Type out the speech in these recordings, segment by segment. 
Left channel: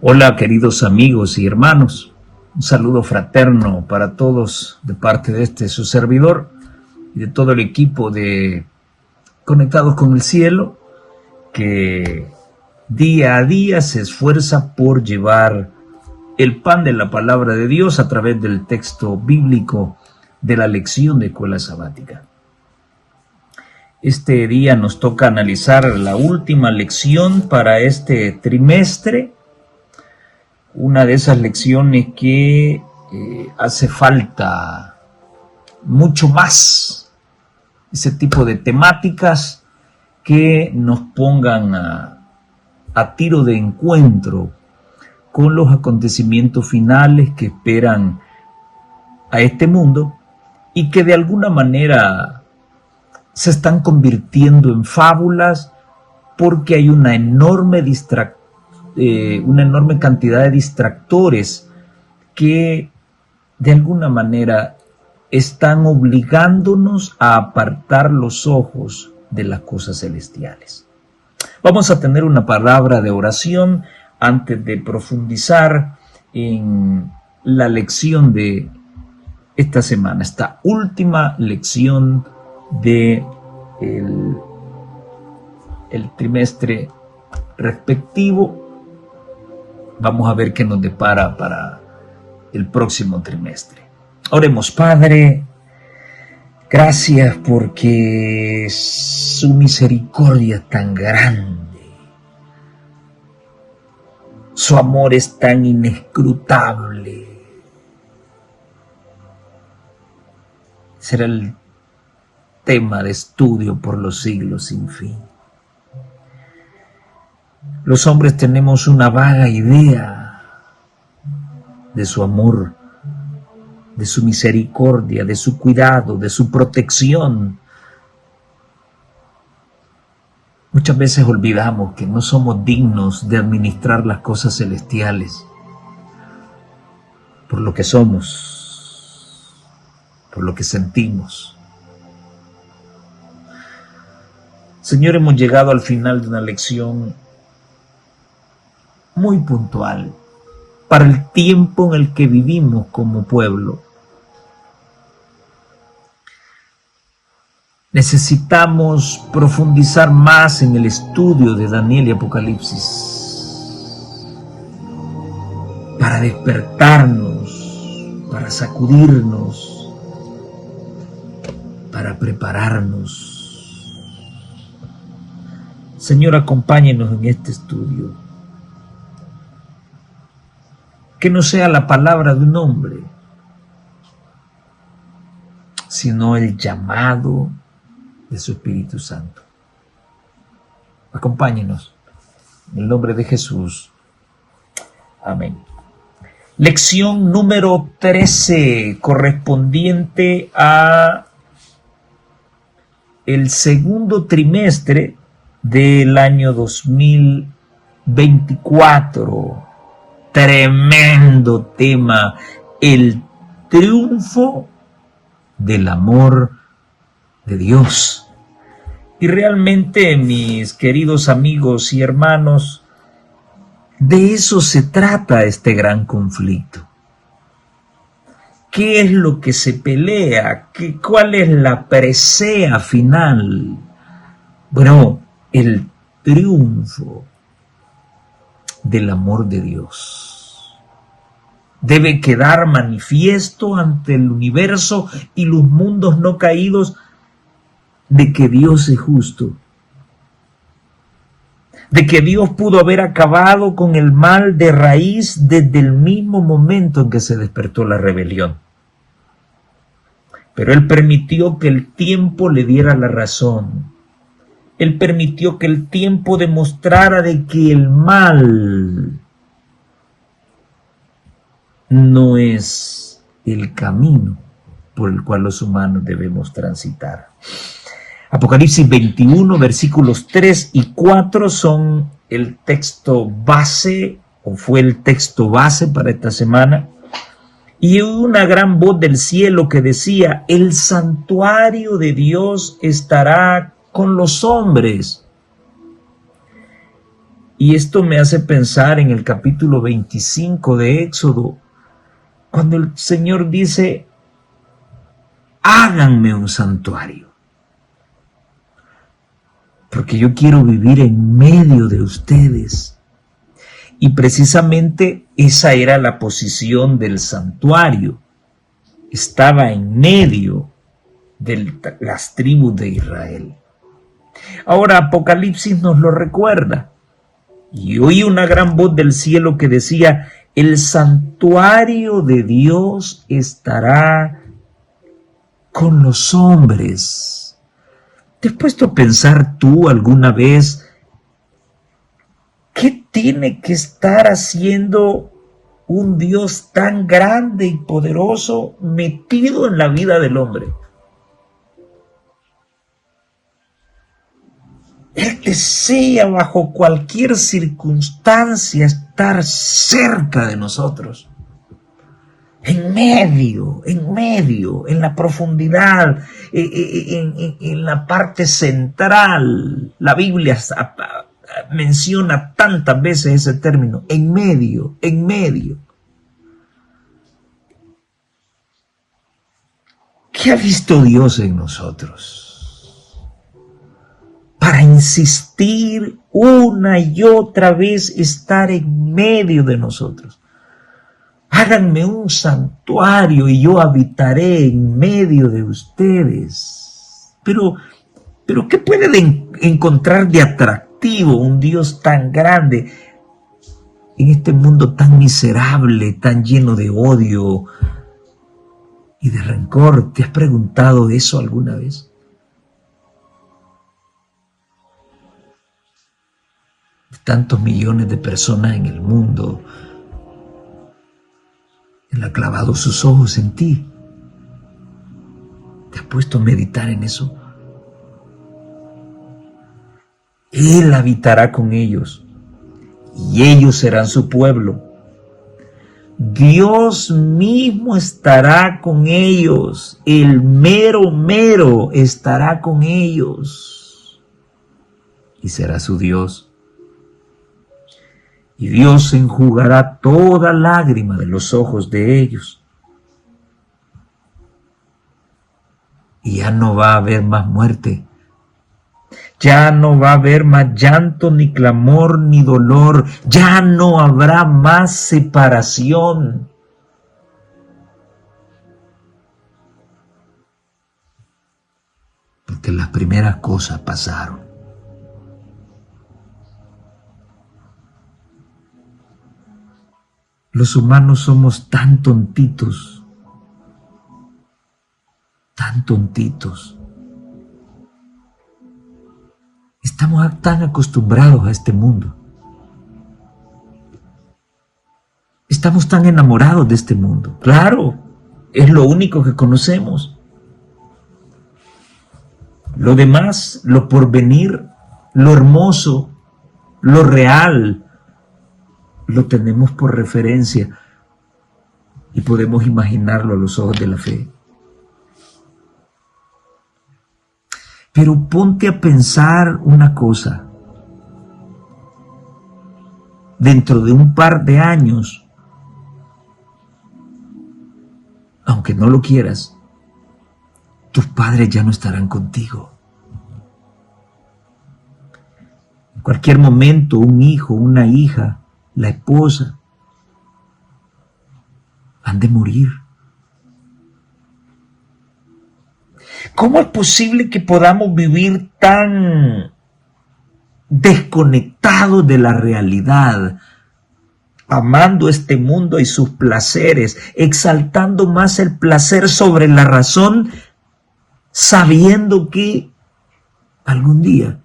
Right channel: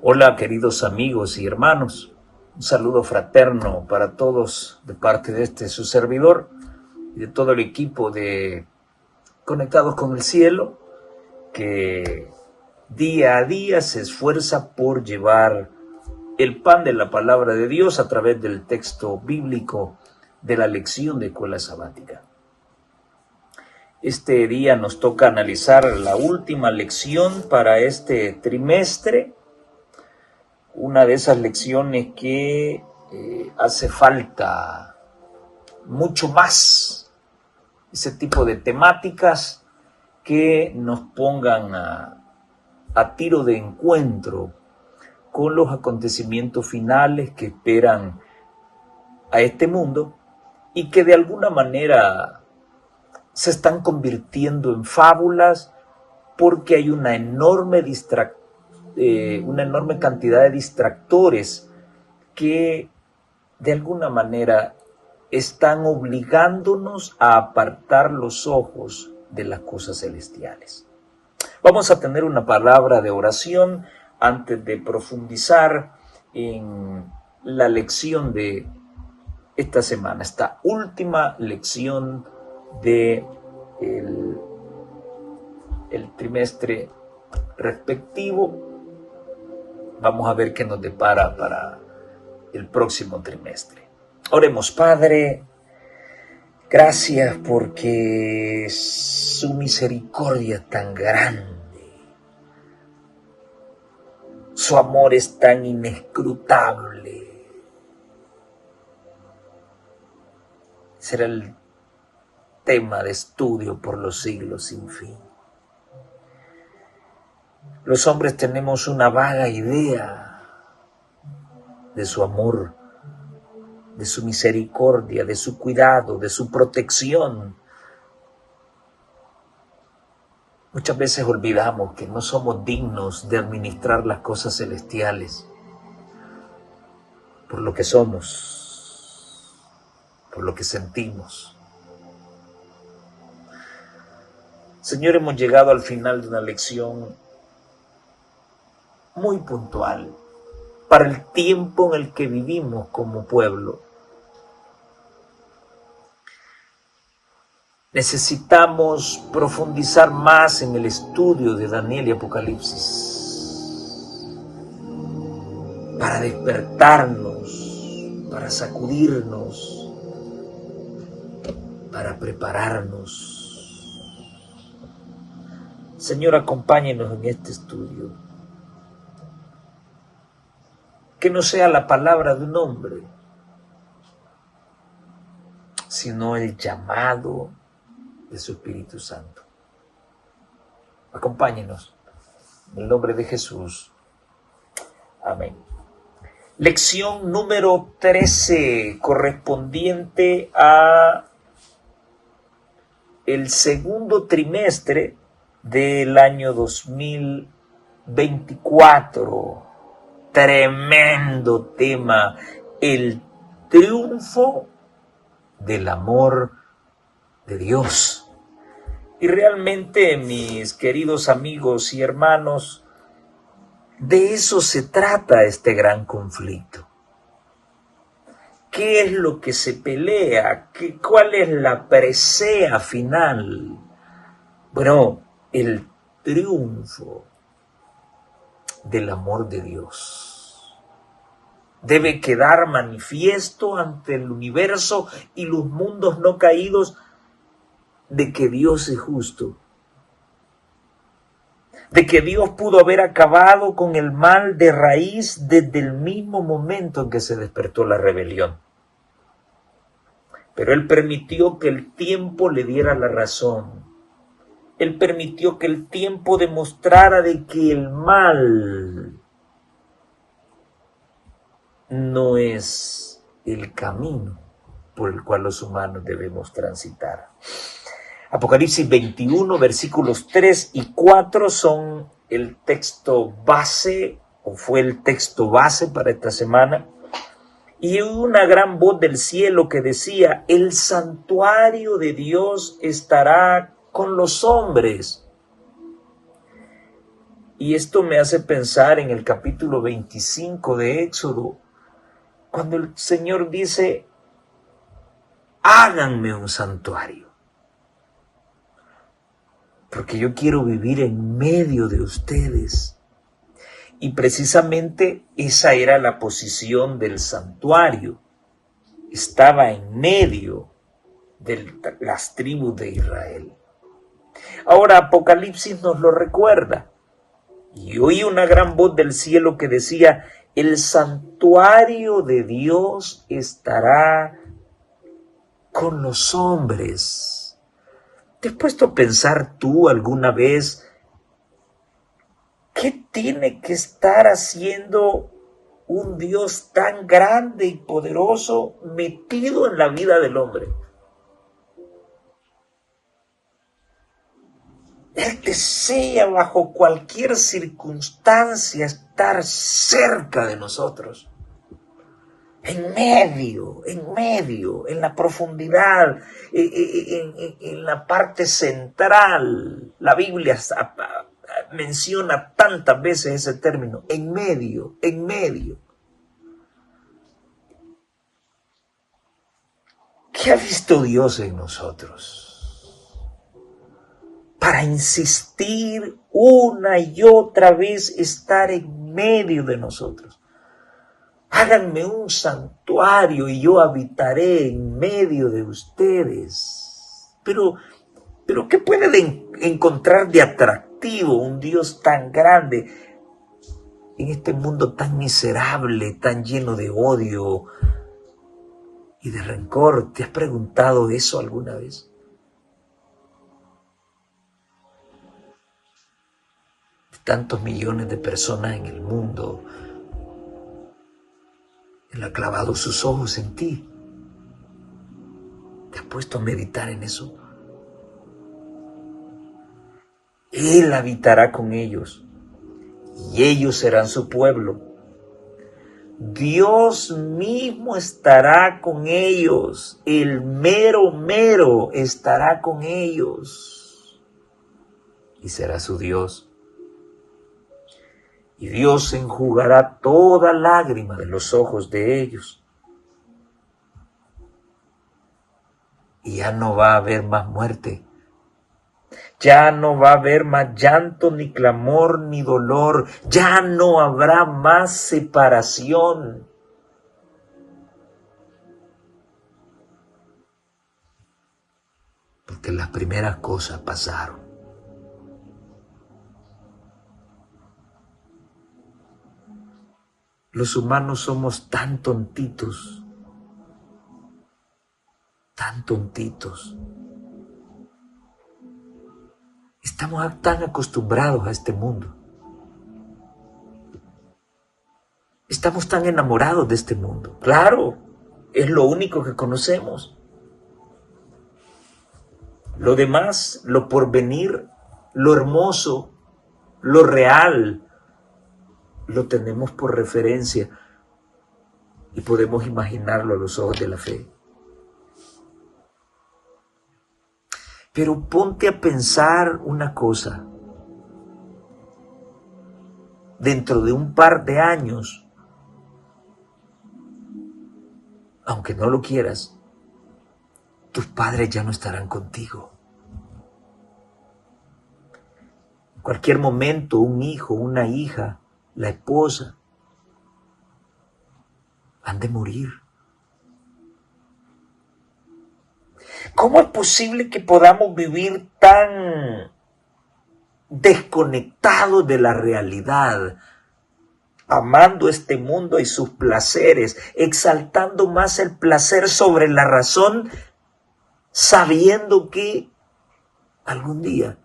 Hola, queridos amigos y hermanos. Un saludo fraterno para todos de parte de su servidor y de todo el equipo de Conectados con el Cielo, que día a día se esfuerza por llevar el pan de la palabra de Dios a través del texto bíblico de la lección de escuela sabática. Este día nos toca analizar la última lección para este trimestre, una de esas lecciones que hace falta mucho más, ese tipo de temáticas que nos pongan a tiro de encuentro con los acontecimientos finales que esperan a este mundo y que de alguna manera se están convirtiendo en fábulas porque hay una enorme cantidad de distractores que de alguna manera están obligándonos a apartar los ojos de las cosas celestiales. Vamos a tener una palabra de oración antes de profundizar en la lección de esta semana, esta última lección de el trimestre respectivo. Vamos a ver qué nos depara para el próximo trimestre. Oremos. Padre, gracias porque su misericordia es tan grande, su amor es tan inescrutable. Será el tema de estudio por los siglos sin fin. Los hombres tenemos una vaga idea de su amor, de su misericordia, de su cuidado, de su protección. Muchas veces olvidamos que no somos dignos de administrar las cosas celestiales por lo que somos, por lo que sentimos. Señor, hemos llegado al final de una lección muy puntual para el tiempo en el que vivimos como pueblo. Necesitamos profundizar más en el estudio de Daniel y Apocalipsis para despertarnos, para sacudirnos, para prepararnos. Señor, acompáñenos en este estudio. Que no sea la palabra de un hombre, sino el llamado de su Espíritu Santo. Acompáñenos. En el nombre de Jesús. Amén. Lección número 13, correspondiente a el segundo trimestre del año 2024. Tremendo tema, el triunfo del amor de Dios. Y realmente, mis queridos amigos y hermanos, de eso se trata este gran conflicto. ¿Qué es lo que se pelea? ¿Cuál es la presea final? Bueno, el triunfo del amor de Dios debe quedar manifiesto ante el universo y los mundos no caídos de que Dios es justo, de que Dios pudo haber acabado con el mal de raíz desde el mismo momento en que se despertó la rebelión. Pero Él permitió que el tiempo le diera la razón. Él permitió que el tiempo demostrara de que el mal no es el camino por el cual los humanos debemos transitar. Apocalipsis 21, versículos 3 y 4 son el texto base, o fue el texto base para esta semana. Y una gran voz del cielo que decía: el santuario de Dios estará con los hombres, Y esto me hace pensar en el capítulo 25 de Éxodo, cuando el Señor dice, háganme un santuario, porque yo quiero vivir en medio de ustedes. Y precisamente esa era la posición del santuario. Estaba en medio de las tribus de Israel. Ahora Apocalipsis nos lo recuerda. Y oí una gran voz del cielo que decía, el santuario de Dios estará con los hombres. ¿Te has puesto a pensar tú alguna vez qué tiene que estar haciendo un Dios tan grande y poderoso metido en la vida del hombre? Él desea bajo cualquier circunstancia estar cerca de nosotros. En medio, en la profundidad, en la parte central. La Biblia menciona tantas veces ese término, en medio, en medio. ¿Qué ha visto Dios en nosotros para insistir una y otra vez estar en medio de nosotros? Háganme un santuario y yo habitaré en medio de ustedes. Pero ¿qué puede encontrar de atractivo un Dios tan grande en este mundo tan miserable, tan lleno de odio y de rencor? ¿Te has preguntado eso alguna vez? Tantos millones de personas en el mundo, Él ha clavado sus ojos en ti. ¿Te has puesto a meditar en eso? Él habitará con ellos y ellos serán su pueblo. Dios mismo estará con ellos, el mero mero estará con ellos y será su Dios. Y Dios enjugará toda lágrima de los ojos de ellos. Y ya no va a haber más muerte. Ya no va a haber más llanto, ni clamor, ni dolor. Ya no habrá más separación. Porque las primeras cosas pasaron. Los humanos somos tan tontitos, tan tontitos. Estamos tan acostumbrados a este mundo. Estamos tan enamorados de este mundo. Claro, es lo único que conocemos. Lo demás, lo porvenir, lo hermoso, lo real, lo tenemos por referencia y podemos imaginarlo a los ojos de la fe. Pero ponte a pensar una cosa. Dentro de un par de años, aunque no lo quieras, tus padres ya no estarán contigo. En cualquier momento, un hijo, una hija, la esposa, han de morir. ¿Cómo es posible que podamos vivir tan desconectados de la realidad, amando este mundo y sus placeres, exaltando más el placer sobre la razón, sabiendo que algún día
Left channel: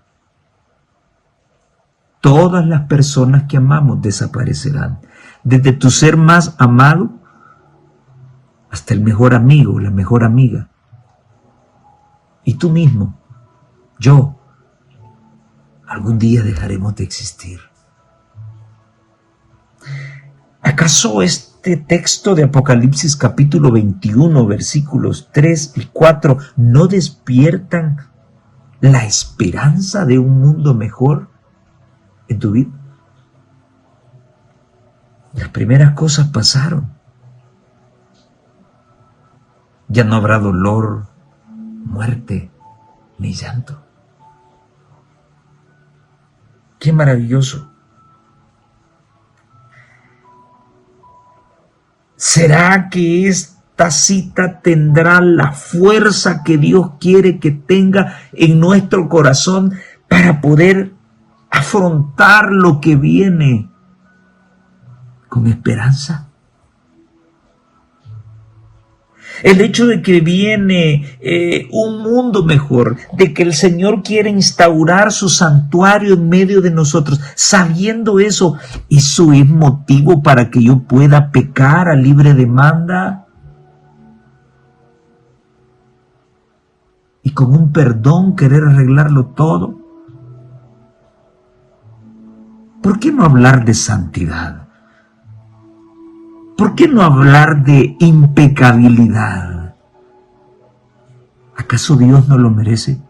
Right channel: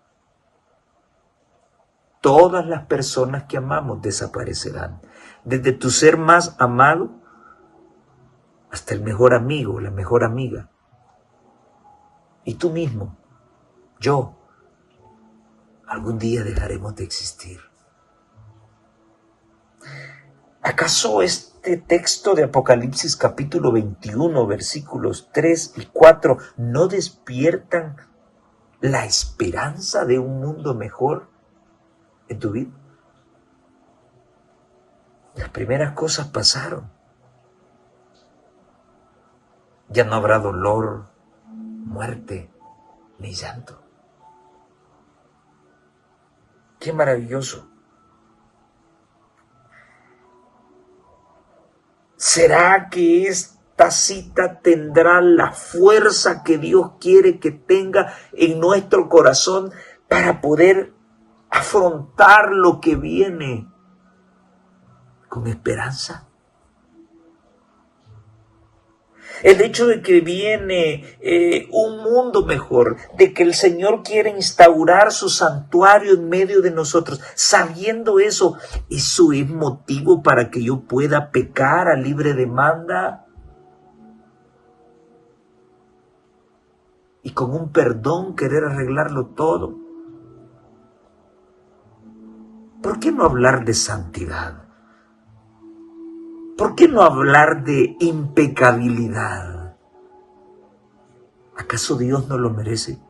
todas las personas que amamos desaparecerán? Desde tu ser más amado hasta el mejor amigo, la mejor amiga. Y tú mismo, yo, algún día dejaremos de existir. ¿Acaso este texto de Apocalipsis capítulo 21, versículos 3 y 4 no despiertan la esperanza de un mundo mejor en tu vida? primeras cosas pasaron. Ya no habrá dolor, muerte, ni llanto. ¡Qué maravilloso! ¿Será que esta cita tendrá la fuerza que Dios quiere que tenga en nuestro corazón para poder afrontar lo que viene con esperanza? El hecho de que viene un mundo mejor, de que el Señor quiere instaurar su santuario en medio de nosotros, sabiendo eso es motivo para que yo pueda pecar a libre demanda y con un perdón querer arreglarlo todo. ¿Por qué no hablar de santidad? ¿Por qué no hablar de impecabilidad? ¿Acaso Dios no lo merece?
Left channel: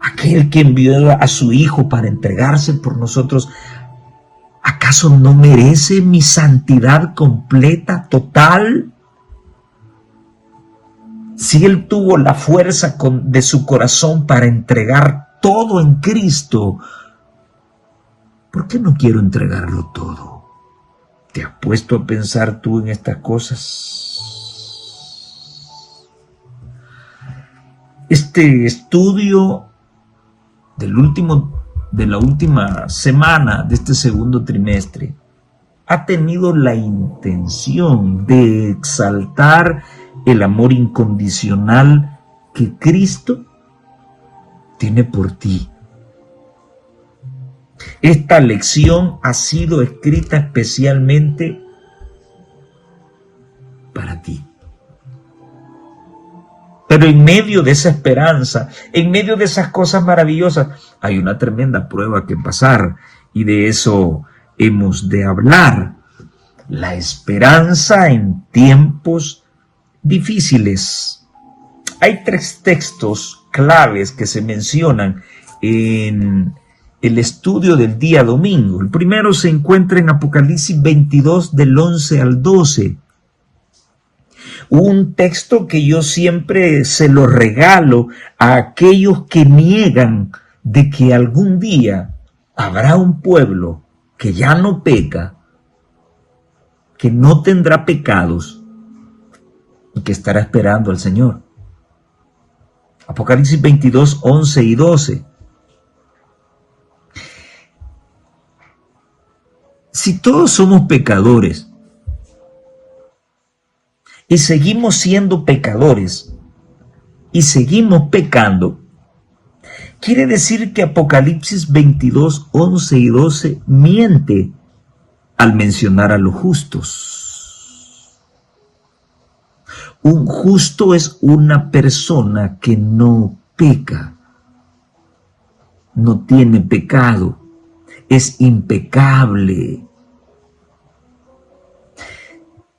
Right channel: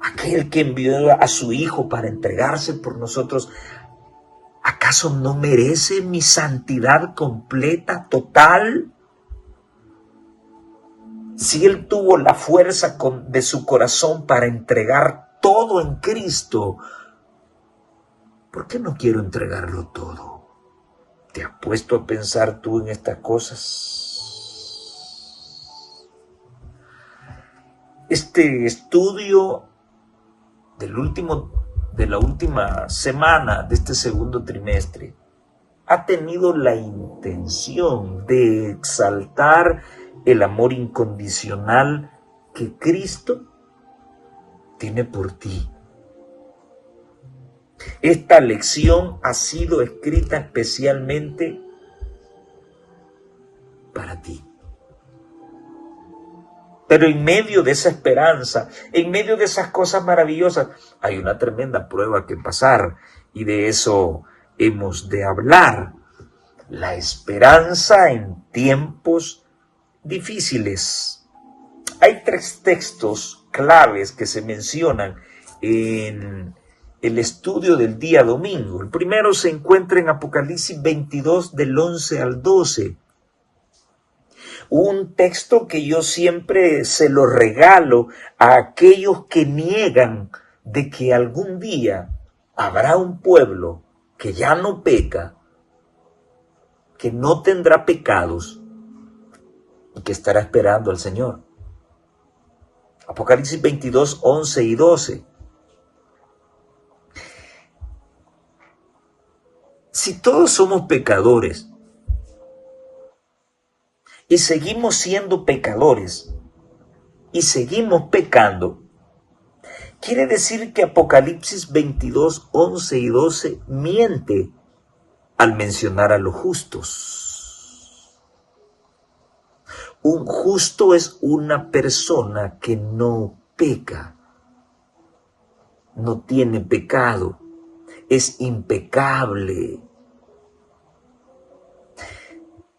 Aquel que envió a su Hijo para entregarse por nosotros, ¿acaso no merece mi santidad completa, total? Si Él tuvo la fuerza de su corazón para entregar todo en Cristo, ¿por qué no quiero entregarlo todo? ¿Te has puesto a pensar tú en estas cosas? Este estudio de la última semana de este segundo trimestre ha tenido la intención de exaltar el amor incondicional que Cristo tiene por ti. Esta lección ha sido escrita especialmente para ti. Pero en medio de esa esperanza, en medio de esas cosas maravillosas, hay una tremenda prueba que pasar, y de eso hemos de hablar. La esperanza en tiempos difíciles. Hay 3 textos claves que se mencionan en el estudio del día domingo. El primero se encuentra en Apocalipsis 22 del 11 al 12. Un texto que yo siempre se lo regalo a aquellos que niegan de que algún día habrá un pueblo que ya no peca, que no tendrá pecados y que estará esperando al Señor. Apocalipsis 22, 11 y 12. Si todos somos pecadores y seguimos siendo pecadores y seguimos pecando, quiere decir que Apocalipsis 22, 11 y 12 miente al mencionar a los justos. Un justo es una persona que no peca, no tiene pecado, es impecable.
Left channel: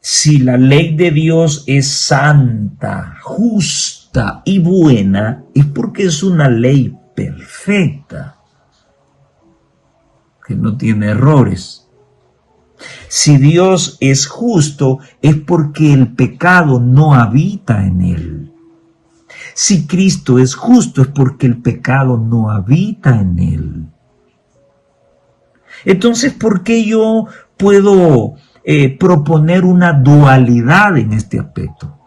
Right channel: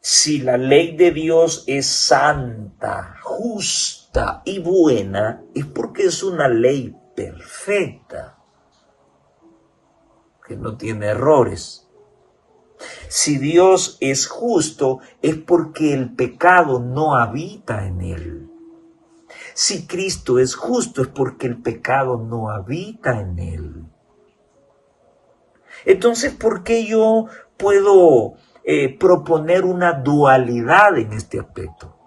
Si la ley de Dios es santa, justa y buena, es porque es una ley perfecta, que no tiene errores. Si Dios es justo, es porque el pecado no habita en él. Si Cristo es justo, es porque el pecado no habita en él. Entonces, ¿por qué yo puedo proponer una dualidad en este aspecto?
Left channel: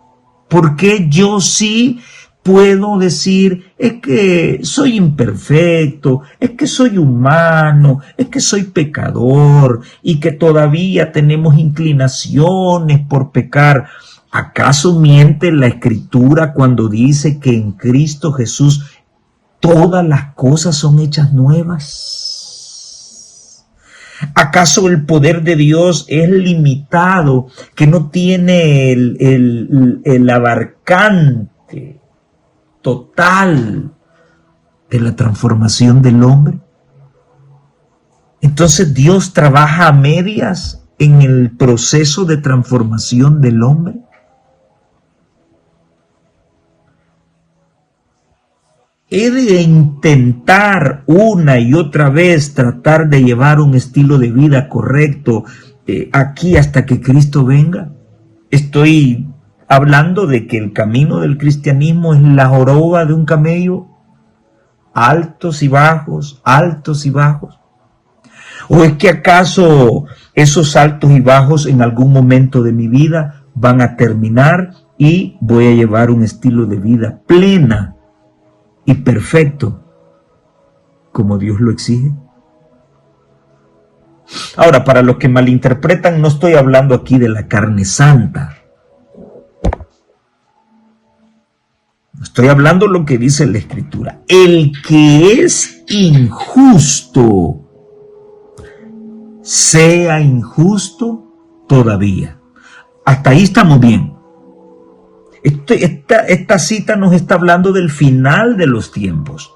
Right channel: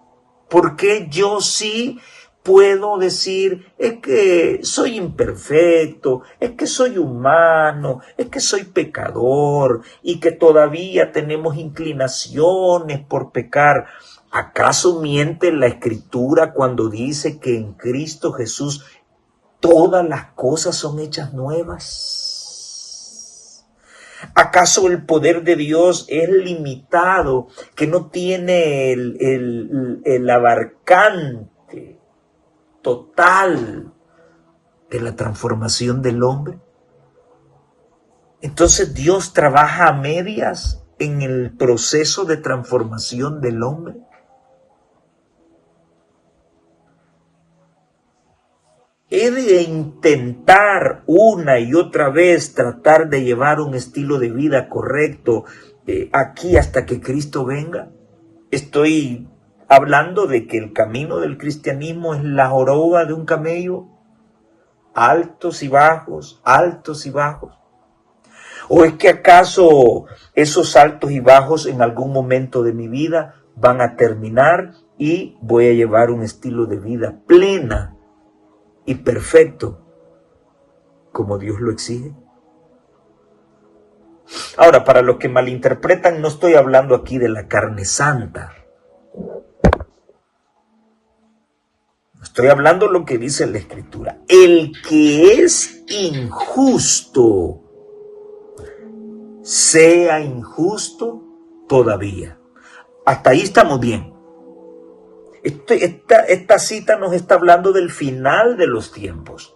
¿Por qué yo sí puedo decir, es que soy imperfecto, es que soy humano, es que soy pecador y que todavía tenemos inclinaciones por pecar? ¿Acaso miente la Escritura cuando dice que en Cristo Jesús todas las cosas son hechas nuevas? ¿Acaso el poder de Dios es limitado, que no tiene el abarcante total de la transformación del hombre? Entonces Dios trabaja a medias en el proceso de transformación del hombre. he de intentar una y otra vez tratar de llevar un estilo de vida correcto aquí hasta que Cristo venga. Estoy hablando de que el camino del cristianismo es la joroba de un camello, altos y bajos, altos y bajos. ¿O es que acaso esos altos y bajos en algún momento de mi vida van a terminar y voy a llevar un estilo de vida plena y perfecto como Dios lo exige? Ahora, para los que malinterpretan, no estoy hablando aquí de la carne santa. Estoy hablando lo que dice la Escritura. El que es injusto, sea injusto todavía. Hasta ahí estamos bien. Esta cita nos está hablando del final de los tiempos.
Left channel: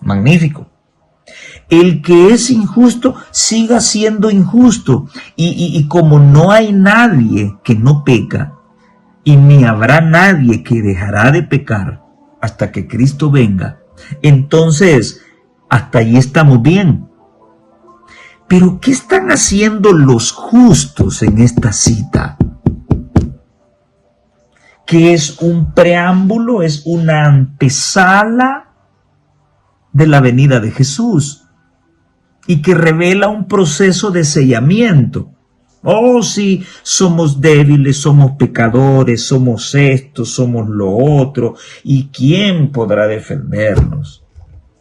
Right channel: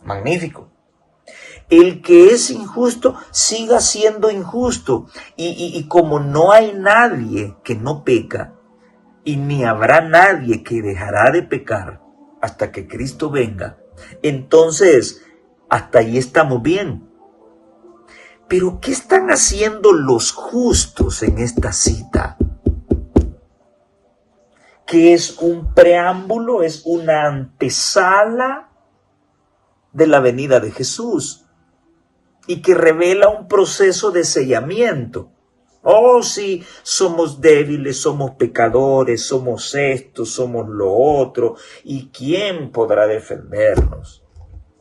Magnífico. El que es injusto, siga siendo injusto. Y como no hay nadie que no peca, y ni habrá nadie que dejará de pecar hasta que Cristo venga, entonces hasta ahí estamos bien. Pero ¿qué están haciendo los justos en esta cita? Que es un preámbulo, es una antesala de la venida de Jesús y que revela un proceso de sellamiento. Oh, sí, somos débiles, somos pecadores, somos esto, somos lo otro, ¿y quién podrá defendernos?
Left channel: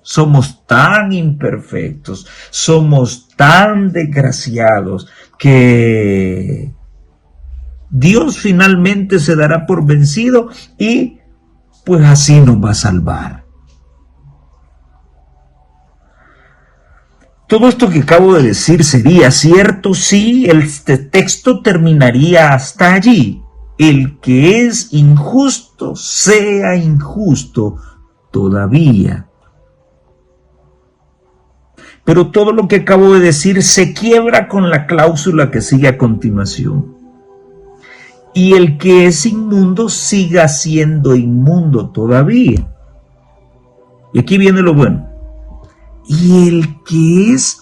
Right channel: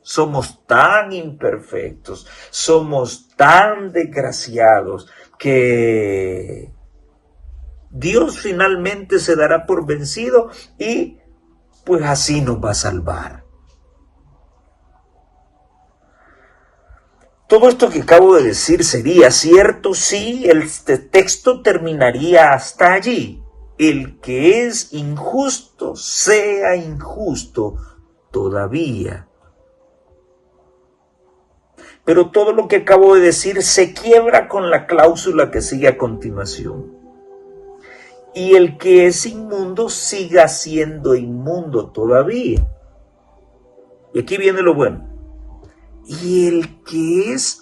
Somos tan imperfectos, somos tan desgraciados que Dios finalmente se dará por vencido y pues así nos va a salvar. Todo esto que acabo de decir sería cierto si el texto terminaría hasta allí. El que es injusto, sea injusto todavía. Pero todo lo que acabo de decir se quiebra con la cláusula que sigue a continuación. Y el que es inmundo siga siendo inmundo todavía. Y aquí viene lo bueno. Y el que es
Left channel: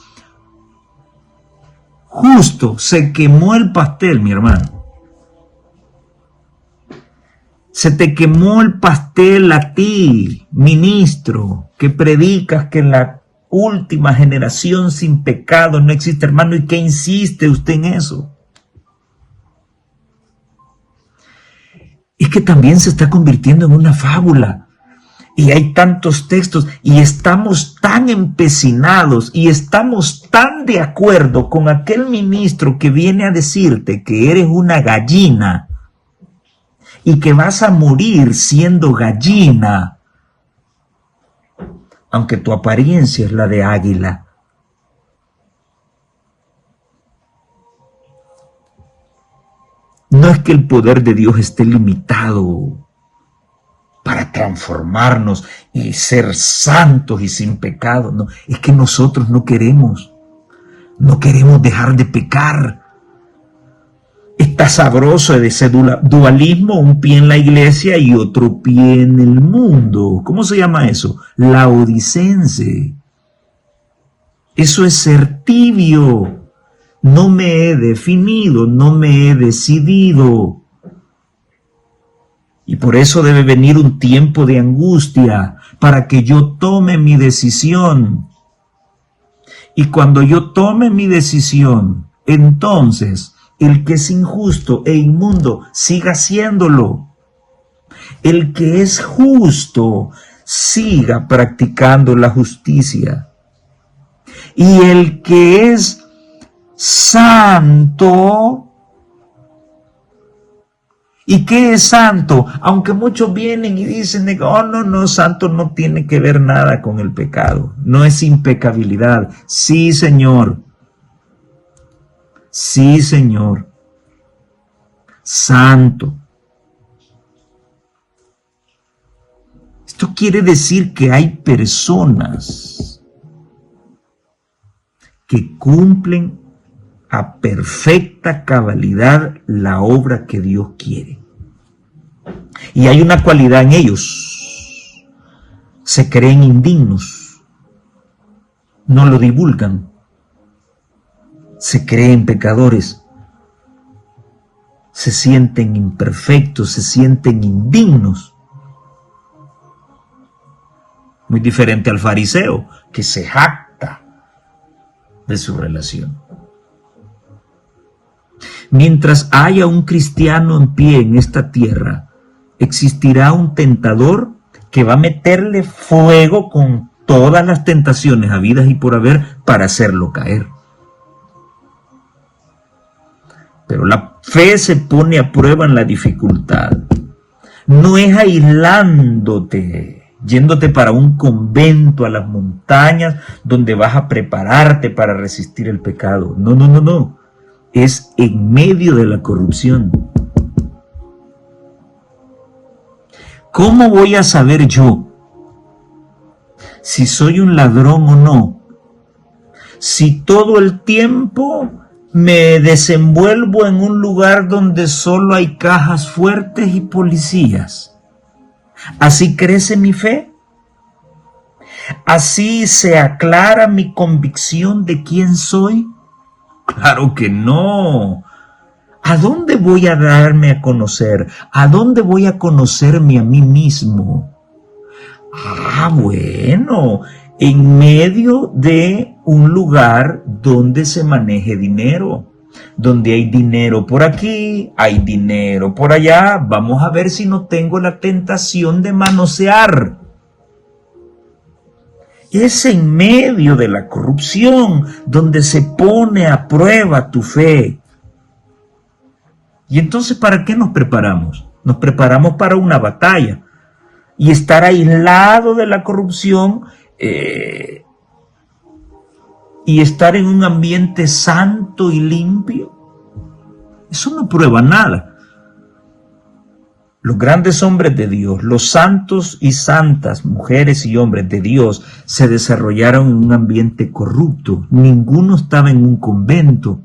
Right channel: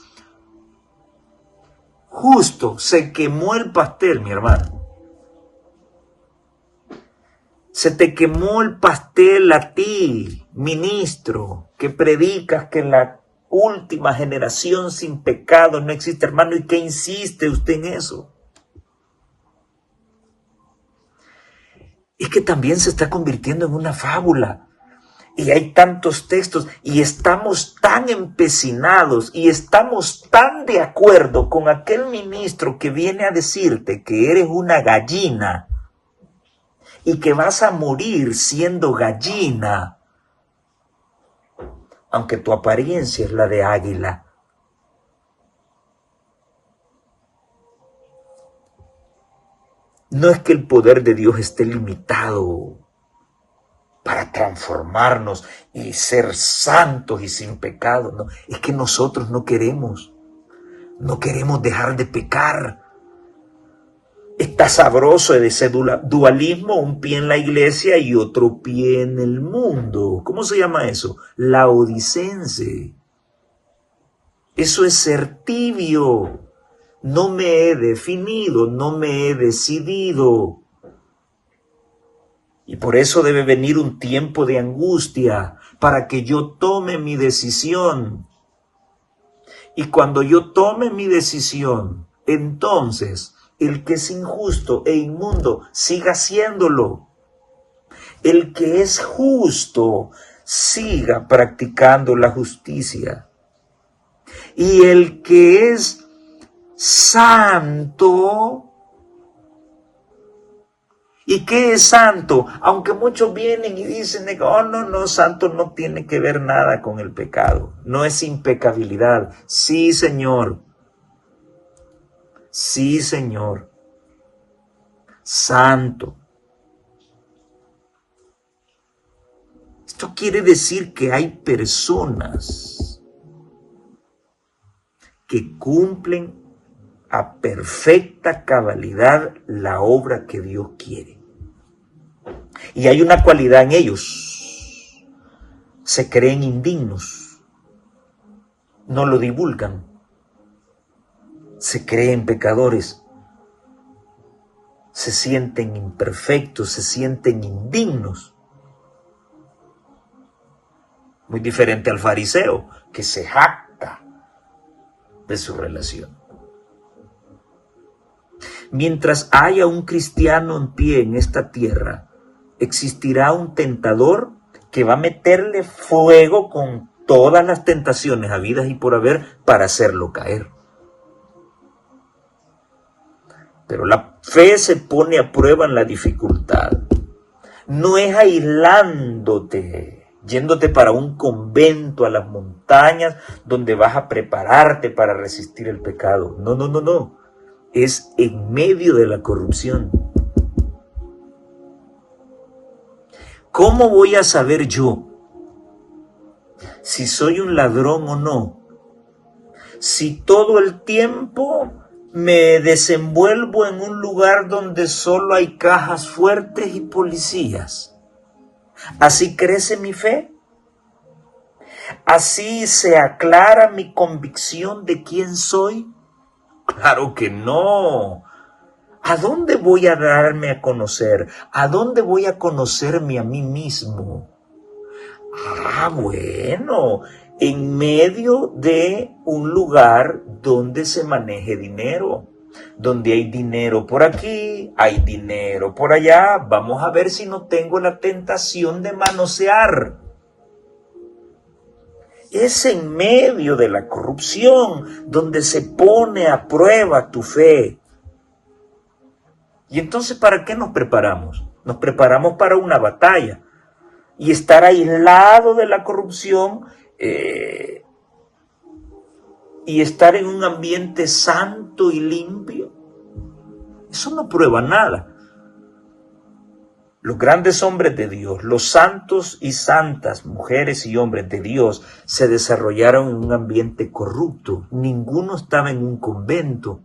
justo, se quemó el pastel, mi hermano. Se te quemó el pastel a ti, ministro, que predicas que en la última generación sin pecado no existe, hermano. ¿Y qué insiste usted en eso? Es que también se está convirtiendo en una fábula. Y hay tantos textos y estamos tan empecinados y estamos tan de acuerdo con aquel ministro que viene a decirte que eres una gallina y que vas a morir siendo gallina, aunque tu apariencia es la de águila. No es que el poder de Dios esté limitado para transformarnos y ser santos y sin pecado. No, es que nosotros no queremos dejar de pecar. Está sabroso de ese dualismo, un pie en la iglesia y otro pie en el mundo. ¿Cómo se llama eso? Laodicense. Eso es ser tibio. No me he definido, no me he decidido. Y por eso debe venir un tiempo de angustia para que yo tome mi decisión. Y cuando yo tome mi decisión, entonces el que es injusto e inmundo siga haciéndolo. El que es justo siga practicando la justicia. Y el que es santo. ¿Y qué es santo? Aunque muchos vienen y dicen, oh, no, santo no tiene que ver nada con el pecado. No es impecabilidad. Sí, Señor. Sí, Señor. Santo. Esto quiere decir que hay personas que cumplen a perfecta cabalidad la obra que Dios quiere. Y hay una cualidad en ellos. Se creen indignos, no lo divulgan, se creen pecadores, se sienten imperfectos, se sienten indignos. Muy diferente al fariseo, que se jacta de su relación. Mientras haya un cristiano en pie en esta tierra, existirá un tentador que va a meterle fuego con todas las tentaciones habidas y por haber para hacerlo caer. Pero la fe se pone a prueba en la dificultad. No es aislándote, yéndote para un convento a las montañas donde vas a prepararte para resistir el pecado. No, no, no, no. Es en medio de la corrupción. ¿Cómo voy a saber yo si soy un ladrón o no? Si todo el tiempo me desenvuelvo en un lugar donde solo hay cajas fuertes y policías. ¿Así crece mi fe? ¿Así se aclara mi convicción de quién soy? Claro que no. ¿A dónde voy a darme a conocer? ¿A dónde voy a conocerme a mí mismo? Bueno, en medio de un lugar donde se maneje dinero, donde hay dinero por aquí, hay dinero por allá. Vamos a ver si no tengo la tentación de manosear. Es en medio de la corrupción donde se pone a prueba tu fe. Y entonces, ¿para qué nos preparamos? Nos preparamos para una batalla. Y estar aislado de la corrupción y estar en un ambiente santo y limpio, eso no prueba nada. Los grandes hombres de Dios, los santos y santas mujeres y hombres de Dios se desarrollaron en un ambiente corrupto. Ninguno estaba en un convento.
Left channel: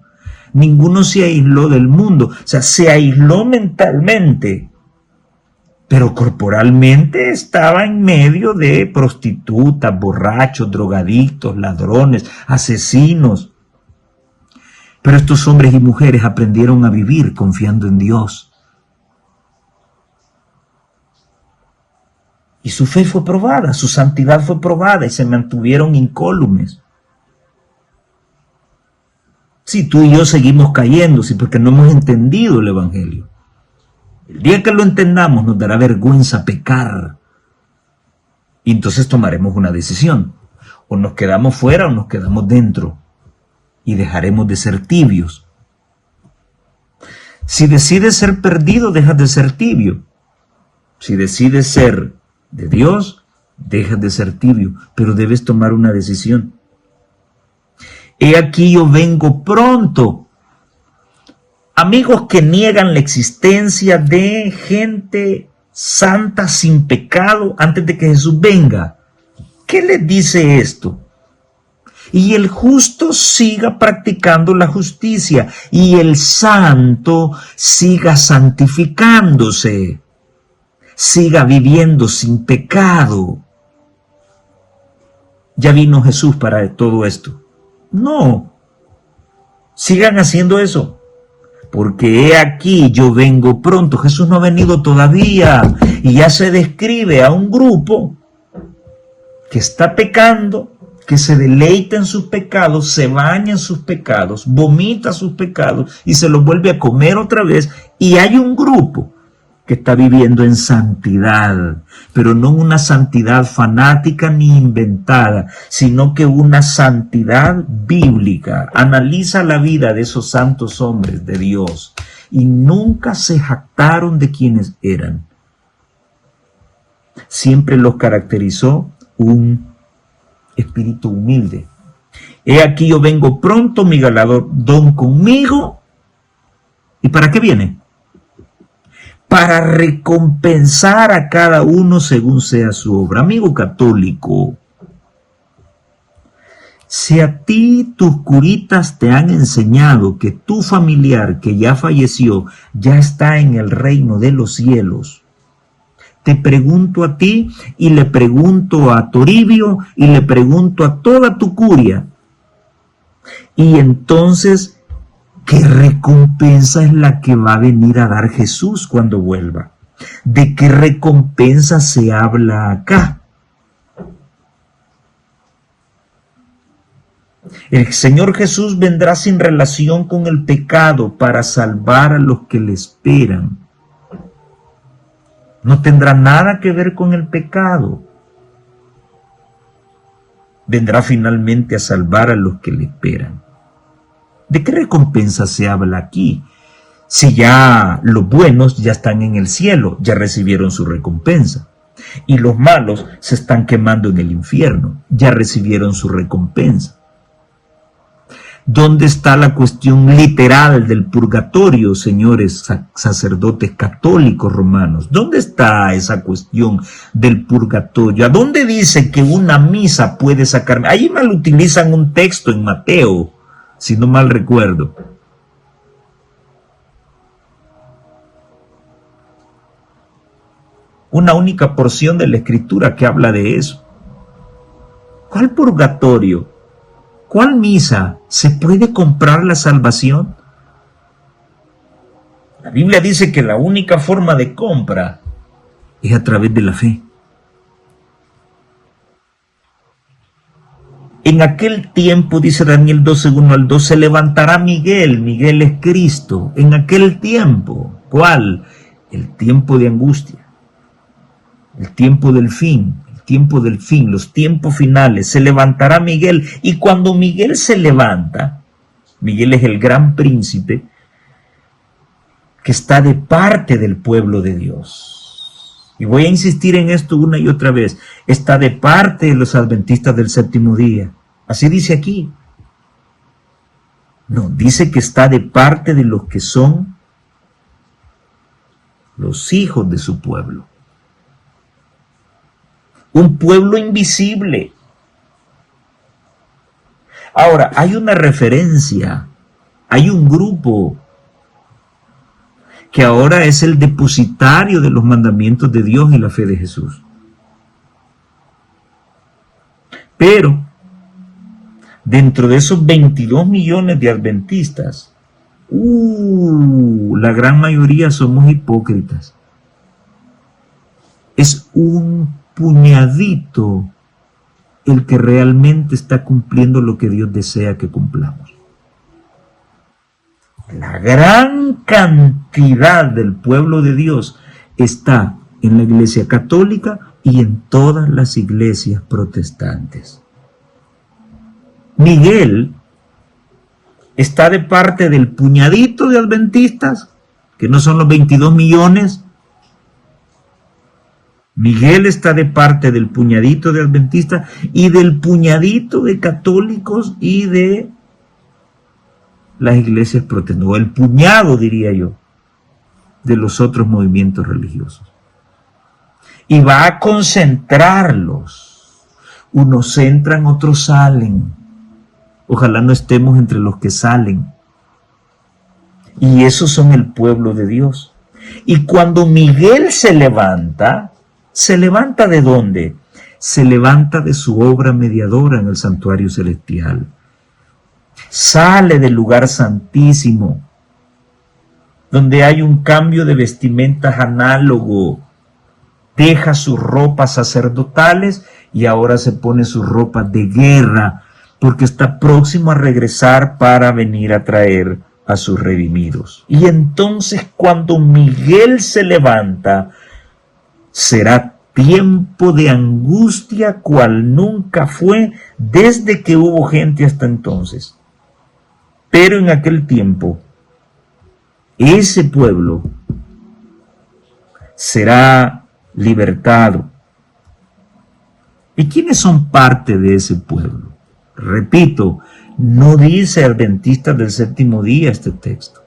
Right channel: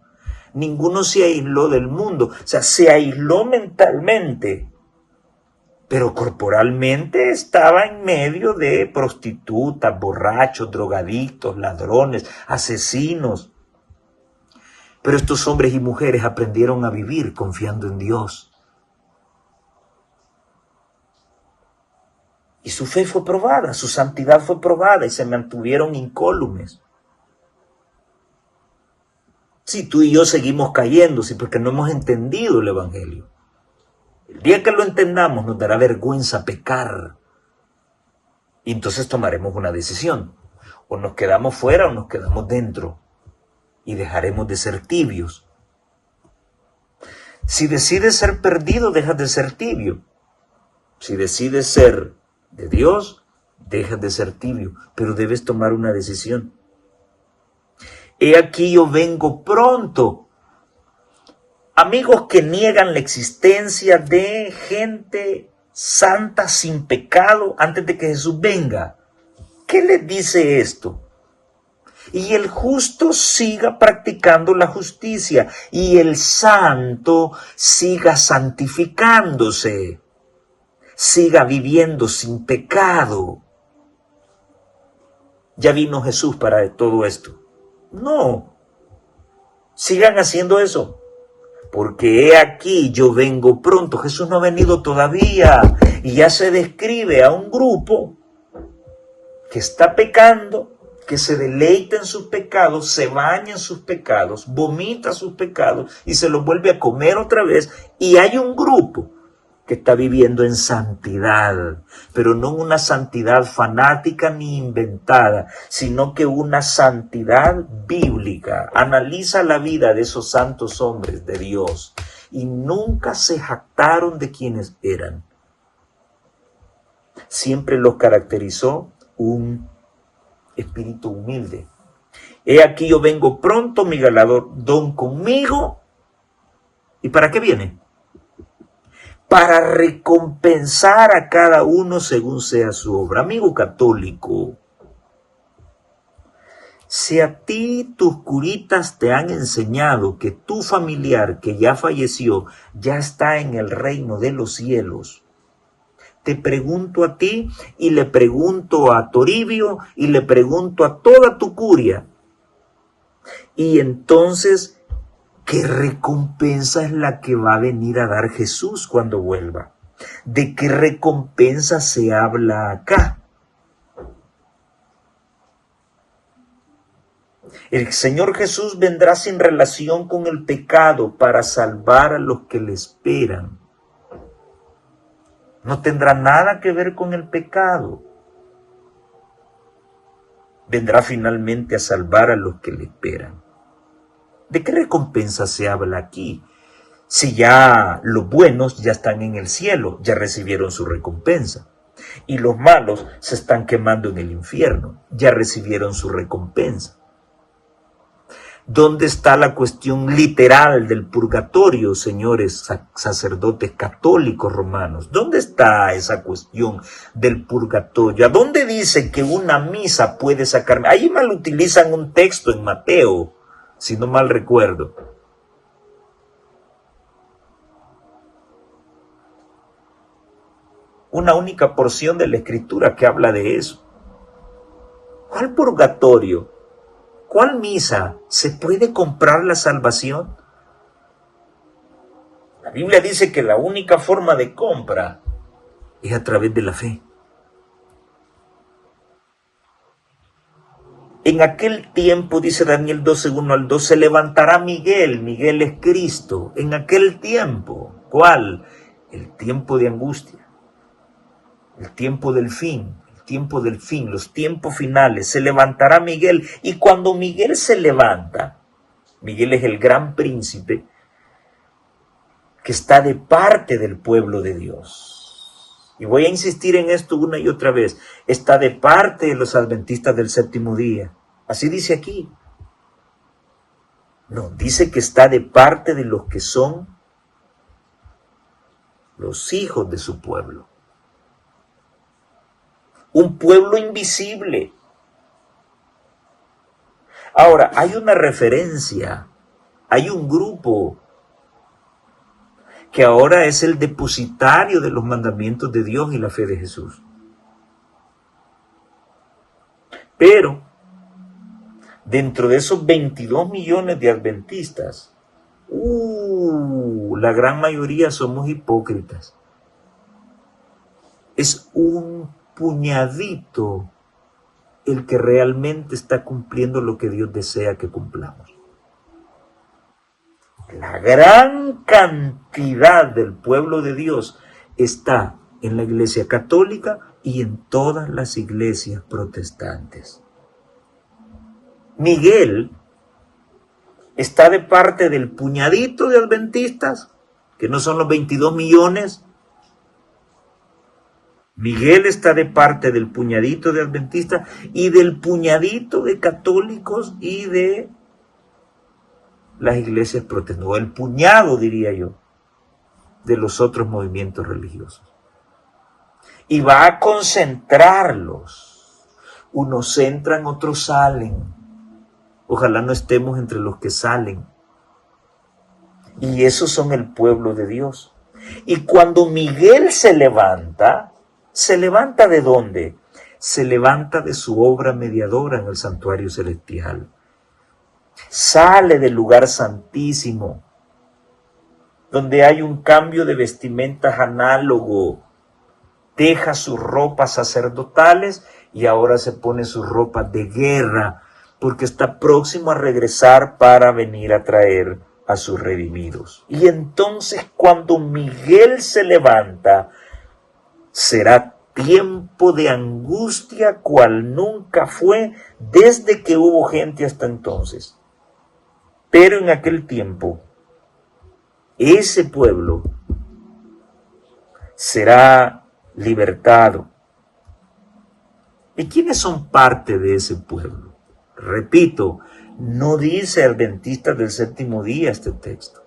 Ninguno se aisló del mundo. O sea, se aisló mentalmente, pero corporalmente estaba en medio de prostitutas, borrachos, drogadictos, ladrones, asesinos. Pero estos hombres y mujeres aprendieron a vivir confiando en Dios. Y su fe fue probada, su santidad fue probada y se mantuvieron incólumes. Sí, tú y yo seguimos cayendo, sí, porque no hemos entendido el Evangelio. El día que lo entendamos nos dará vergüenza pecar. Y entonces tomaremos una decisión. O nos quedamos fuera o nos quedamos dentro. Y dejaremos de ser tibios. Si decides ser perdido, dejas de ser tibio. Si decides ser de Dios, dejas de ser tibio. Pero debes tomar una decisión. He aquí yo vengo pronto. Amigos que niegan la existencia de gente santa sin pecado antes de que Jesús venga. ¿Qué les dice esto? Y el justo siga practicando la justicia y el santo siga santificándose, siga viviendo sin pecado. ¿Ya vino Jesús para todo esto? No. Sigan haciendo eso. Porque he aquí, yo vengo pronto. Jesús no ha venido todavía. Y ya se describe a un grupo que está pecando, que se deleita en sus pecados, se baña en sus pecados, vomita sus pecados y se los vuelve a comer otra vez. Y hay un grupo que está viviendo en santidad, pero no una santidad fanática ni inventada, sino que una santidad bíblica. Analiza la vida de esos santos hombres de Dios y nunca se jactaron de quienes eran. Siempre los caracterizó un espíritu humilde. He aquí yo vengo pronto, mi galardón conmigo. ¿Y para qué viene? Para recompensar a cada uno según sea su obra. Amigo católico, si a ti tus curitas te han enseñado que tu familiar que ya falleció ya está en el reino de los cielos, te pregunto a ti y le pregunto a Toribio y le pregunto a toda tu curia. Y entonces, ¿qué recompensa es la que va a venir a dar Jesús cuando vuelva? ¿De qué recompensa se habla acá? El Señor Jesús vendrá sin relación con el pecado para salvar a los que le esperan. No tendrá nada que ver con el pecado. Vendrá finalmente a salvar a los que le esperan. ¿De qué recompensa se habla aquí? Si ya los buenos ya están en el cielo, ya recibieron su recompensa. Y los malos se están quemando en el infierno, ya recibieron su recompensa. ¿Dónde está la cuestión literal del purgatorio, señores sacerdotes católicos romanos? ¿Dónde está esa cuestión del purgatorio? ¿A dónde dice que una misa puede sacarme? Ahí mal utilizan un texto en Mateo, si no mal recuerdo. Una única porción de la escritura que habla de eso. ¿Cuál purgatorio? ¿Cuál misa? ¿Se puede comprar la salvación? La Biblia dice que la única forma de compra es a través de la fe. En aquel tiempo, dice Daniel 12, 1 al 2, se levantará Miguel. Miguel es Cristo. En aquel tiempo, ¿cuál? El tiempo de angustia. El tiempo del fin. Tiempo del fin, los tiempos finales, se levantará Miguel, y cuando Miguel se levanta, Miguel es el gran príncipe que está de parte del pueblo de Dios. Y voy a insistir en esto una y otra vez, está de parte de los adventistas del séptimo día. Así dice aquí. No, dice que está de parte de los que son los hijos de su pueblo. Un pueblo invisible. Ahora, hay una referencia, hay un grupo que ahora es el depositario de los mandamientos de Dios y la fe de Jesús. Pero, dentro de esos 22 millones de adventistas, la gran mayoría somos hipócritas. Es un puñadito el que realmente está cumpliendo lo que Dios desea que cumplamos. La gran cantidad del pueblo de Dios está en la Iglesia Católica y en todas las iglesias protestantes. Miguel está de parte del puñadito de adventistas, que no son los 22 millones. Miguel está de parte del puñadito de adventistas y del puñadito de católicos y de las iglesias protestantes, o el puñado, diría yo, de los otros movimientos religiosos. Y va a concentrarlos. Unos entran, otros salen. Ojalá no estemos entre los que salen. Y esos son el pueblo de Dios. Y cuando Miguel ¿se levanta de dónde? Se levanta de su obra mediadora en el santuario celestial. Sale del lugar santísimo, donde hay un cambio de vestimentas análogo. Deja sus ropas sacerdotales y ahora se pone sus ropas de guerra, porque está próximo a regresar para venir a traer a sus redimidos. Y entonces cuando Miguel se levanta, será tiempo de angustia cual nunca fue desde que hubo gente hasta entonces. Pero en aquel tiempo, ese pueblo será libertado. ¿Y quiénes son parte de ese pueblo? Repito, no dice adventistas del séptimo día este texto.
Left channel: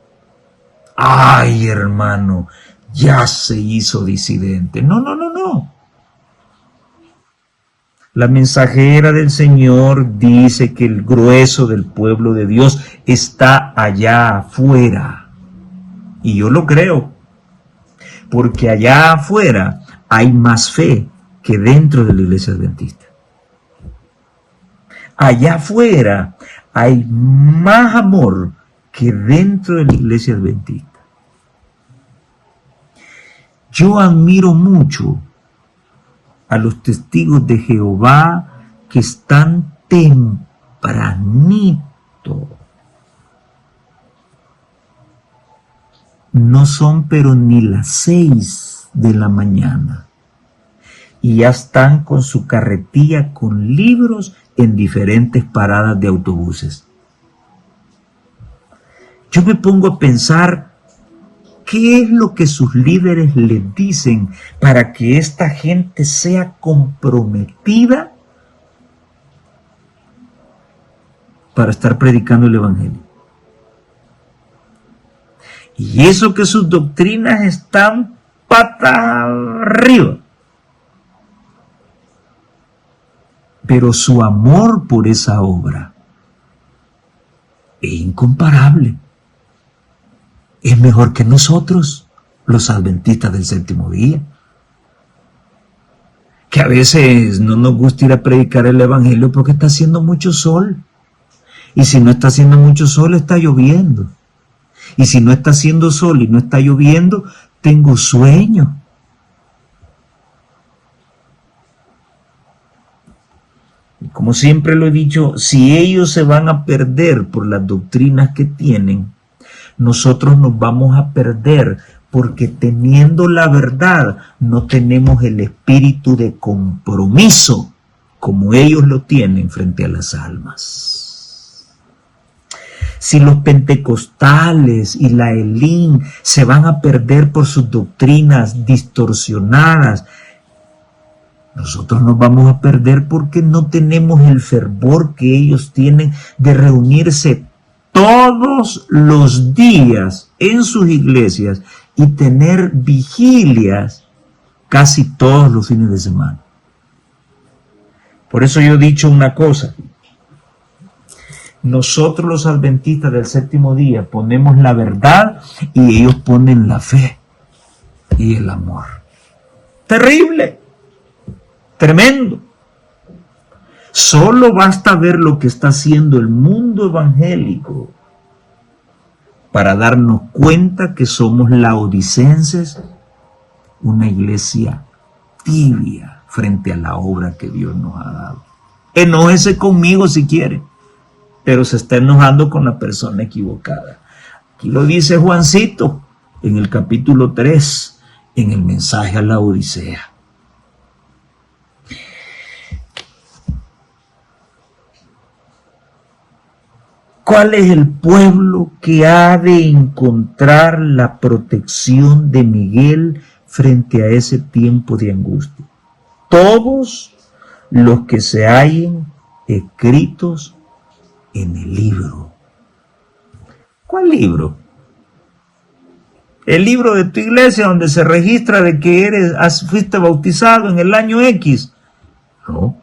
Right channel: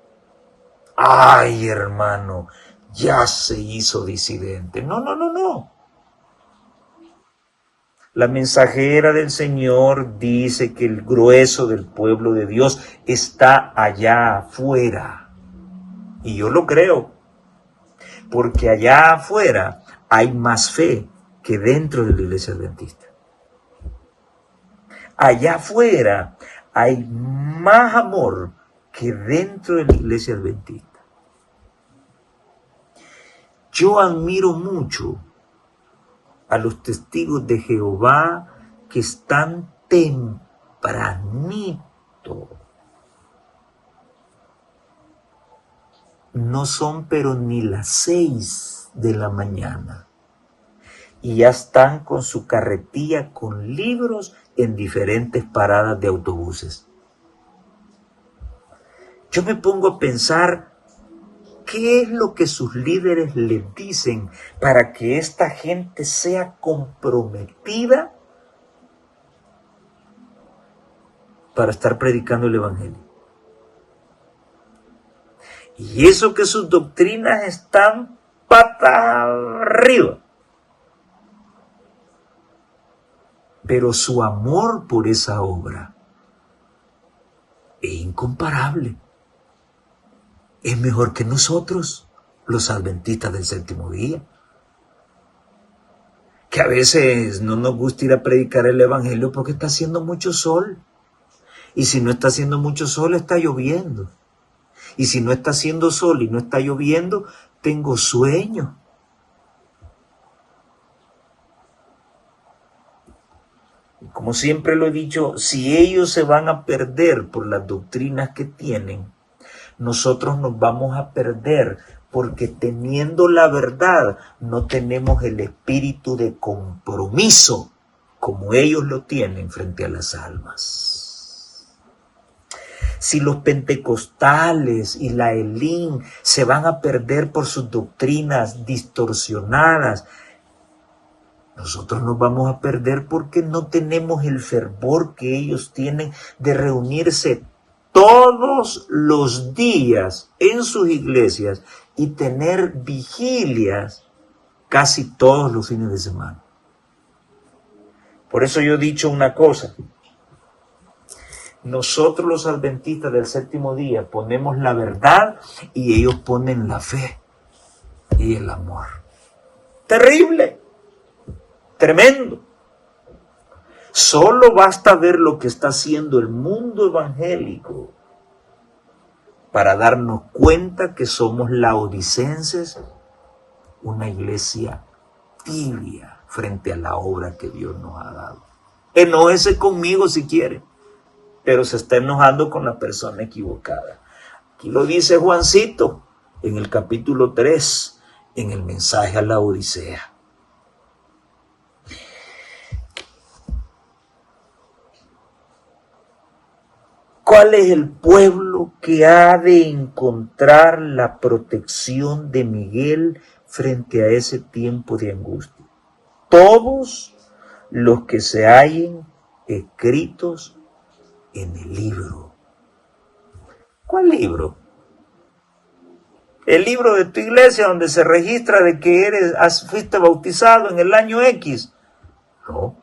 Ay, hermano, ya se hizo disidente. No. La mensajera del Señor dice que el grueso del pueblo de Dios está allá afuera. Y yo lo creo, porque allá afuera hay más fe que dentro de la iglesia adventista. Allá afuera hay más amor que dentro de la iglesia adventista. Yo admiro mucho a los testigos de Jehová que están tempranito. No son pero ni las 6 de la mañana. Y ya están con su carretilla con libros en diferentes paradas de autobuses. Yo me pongo a pensar, ¿qué es lo que sus líderes les dicen para que esta gente sea comprometida para estar predicando el evangelio? Y eso que sus doctrinas están patas arriba. Pero su amor por esa obra es incomparable. Es mejor que nosotros, los adventistas del séptimo día. Que a veces no nos gusta ir a predicar el evangelio porque está haciendo mucho sol. Y si no está haciendo mucho sol, está lloviendo. Y si no está haciendo sol y no está lloviendo, tengo sueño. Como siempre lo he dicho, si ellos se van a perder por las doctrinas que tienen, nosotros nos vamos a perder porque teniendo la verdad no tenemos el espíritu de compromiso como ellos lo tienen frente a las almas. Si los pentecostales y la Elín se van a perder por sus doctrinas distorsionadas, nosotros nos vamos a perder porque no tenemos el fervor que ellos tienen de reunirse todos los días en sus iglesias y tener vigilias casi todos los fines de semana. Por eso yo he dicho una cosa. Nosotros los adventistas del séptimo día ponemos la verdad y ellos ponen la fe y el amor. Terrible, tremendo. Solo basta ver lo que está haciendo el mundo evangélico para darnos cuenta que somos laodicenses, una iglesia tibia frente a la obra que Dios nos ha dado. Enójese conmigo si quiere, pero se está enojando con la persona equivocada. Aquí lo dice Juancito en el capítulo 3, en el mensaje a la Odisea. ¿Cuál es el pueblo que ha de encontrar la protección de Miguel frente a ese tiempo de angustia? Todos los que se hallen escritos en el libro. ¿Cuál libro? El libro de tu iglesia donde se registra de que fuiste bautizado en el año X. No.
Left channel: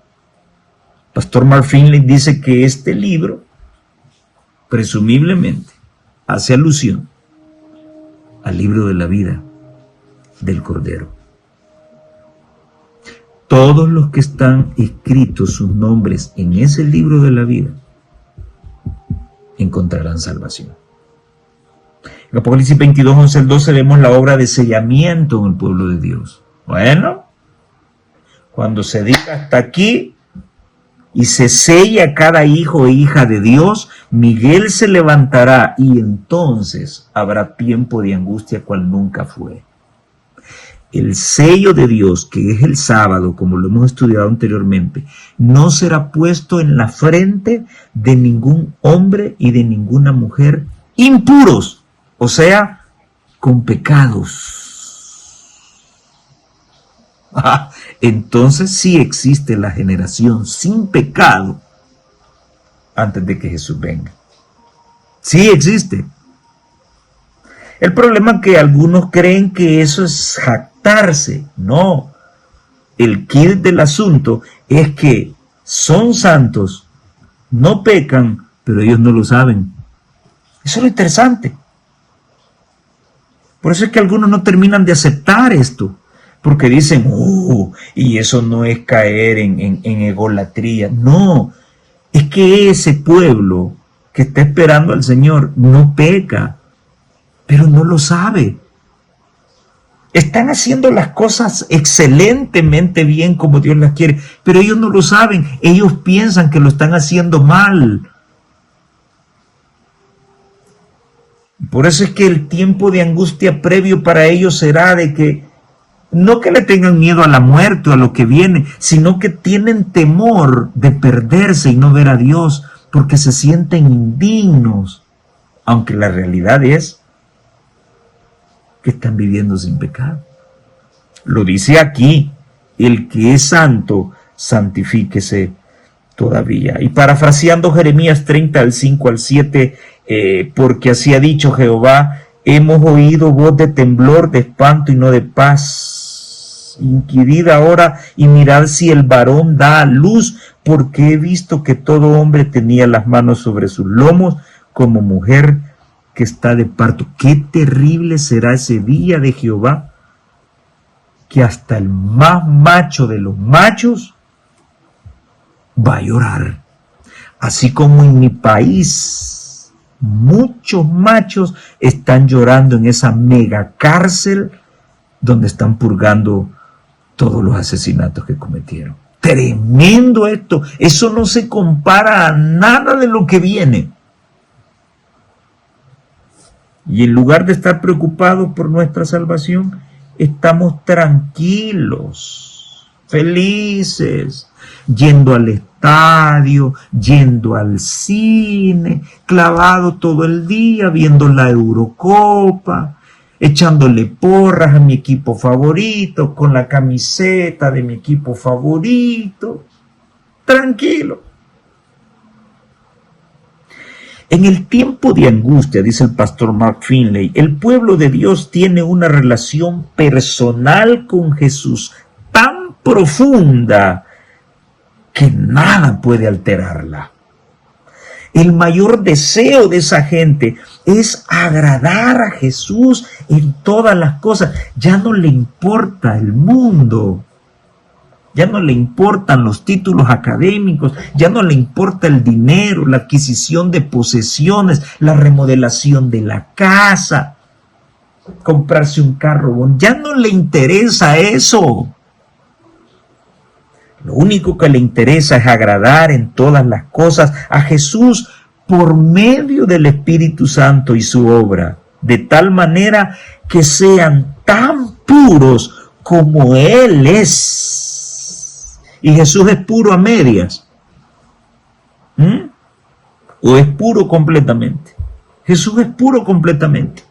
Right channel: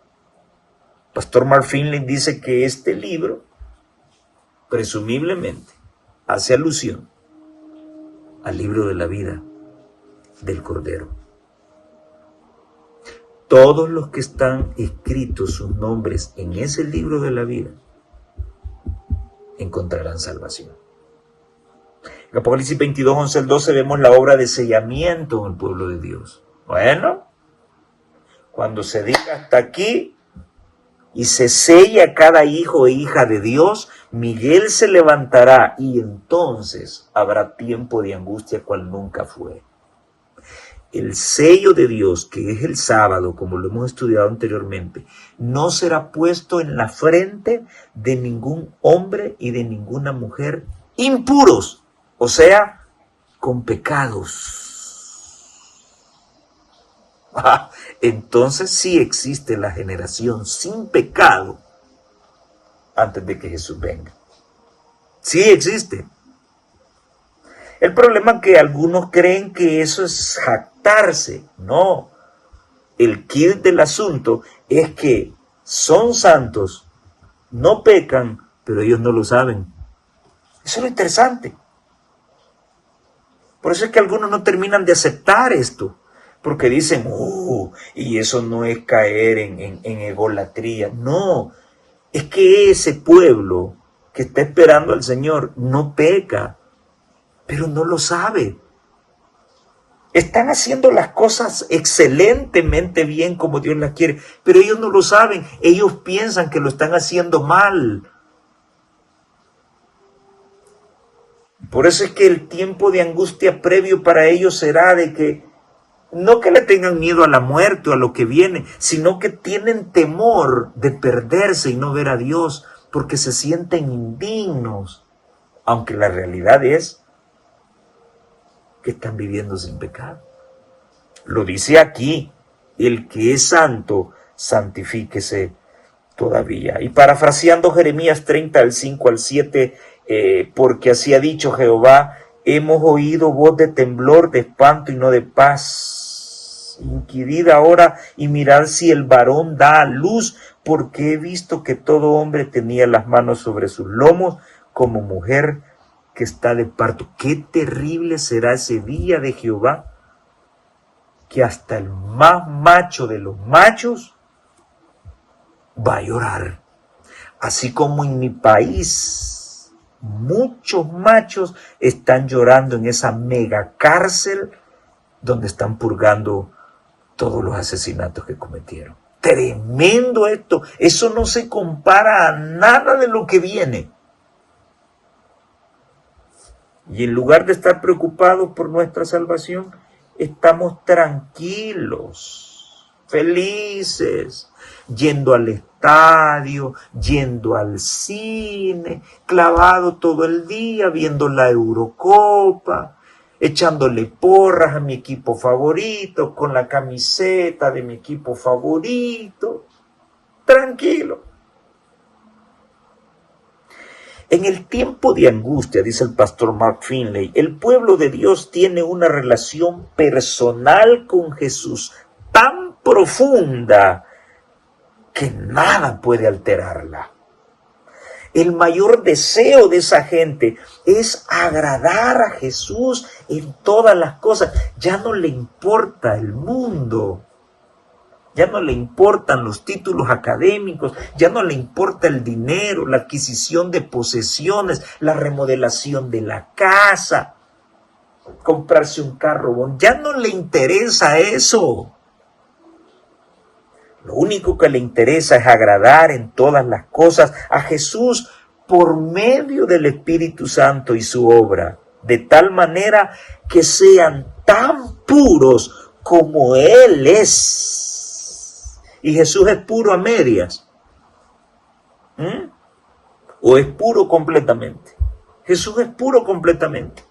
Pastor Mark Finley dice que este libro presumiblemente hace alusión al libro de la vida del Cordero. Todos los que están escritos sus nombres en ese libro de la vida encontrarán salvación. En Apocalipsis 22, 11 al 12 vemos la obra de sellamiento en el pueblo de Dios. Bueno, cuando se diga hasta aquí y se sella cada hijo e hija de Dios, Miguel se levantará y entonces habrá tiempo de angustia cual nunca fue. El sello de Dios, que es el sábado, como lo hemos estudiado anteriormente, no será puesto en la frente de ningún hombre y de ninguna mujer impuros, o sea, con pecados. Entonces sí existe la generación sin pecado antes de que Jesús venga. Sí existe. El problema es que algunos creen que eso es jactarse. No. El quid del asunto es que son santos, no pecan, pero ellos no lo saben. Eso es lo interesante. Por eso es que algunos no terminan de aceptar esto. Porque dicen, y eso no es caer en egolatría. No, es que ese pueblo que está esperando al Señor no peca, pero no lo sabe. Están haciendo las cosas excelentemente bien como Dios las quiere, pero ellos no lo saben. Ellos piensan que lo están haciendo mal. Por eso es que el tiempo de angustia previo para ellos será de que no que le tengan miedo a la muerte o a lo que viene, sino que tienen temor de perderse y no ver a Dios, porque se sienten indignos, aunque la realidad es que están viviendo sin pecado. Lo dice aquí, el que es santo, santifíquese todavía. Y parafraseando Jeremías 30, al 5 al 7, porque así ha dicho Jehová, hemos oído voz de temblor, de espanto y no de paz. Inquirid ahora y mirad si el varón da a luz, porque he visto que todo hombre tenía las manos sobre sus lomos, como mujer que está de parto. Qué terrible será ese día de Jehová, que hasta el más macho de los machos va a llorar. Así como en mi país muchos machos están llorando en esa mega cárcel donde están purgando todos los asesinatos que cometieron. Tremendo esto. Eso no se compara a nada de lo que viene. Y en lugar de estar preocupados por nuestra salvación, estamos tranquilos, felices, yendo al estadio, yendo al cine, clavado todo el día, viendo la Eurocopa, echándole porras a mi equipo favorito, con la camiseta de mi equipo favorito, tranquilo. En el tiempo de angustia, dice el pastor Mark Finley, el pueblo de Dios tiene una relación personal con Jesús tan profunda que nada puede alterarla. El mayor deseo de esa gente es agradar a Jesús en todas las cosas. Ya no le importa el mundo. Ya no le importan los títulos académicos, ya no le importa el dinero, la adquisición de posesiones, la remodelación de la casa, comprarse un carro, ya no le interesa eso. Lo único que le interesa es agradar en todas las cosas a Jesús por medio del Espíritu Santo y su obra, de tal manera que sean tan puros como Él es. Y Jesús es puro a medias. ¿O es puro completamente? Jesús es puro completamente.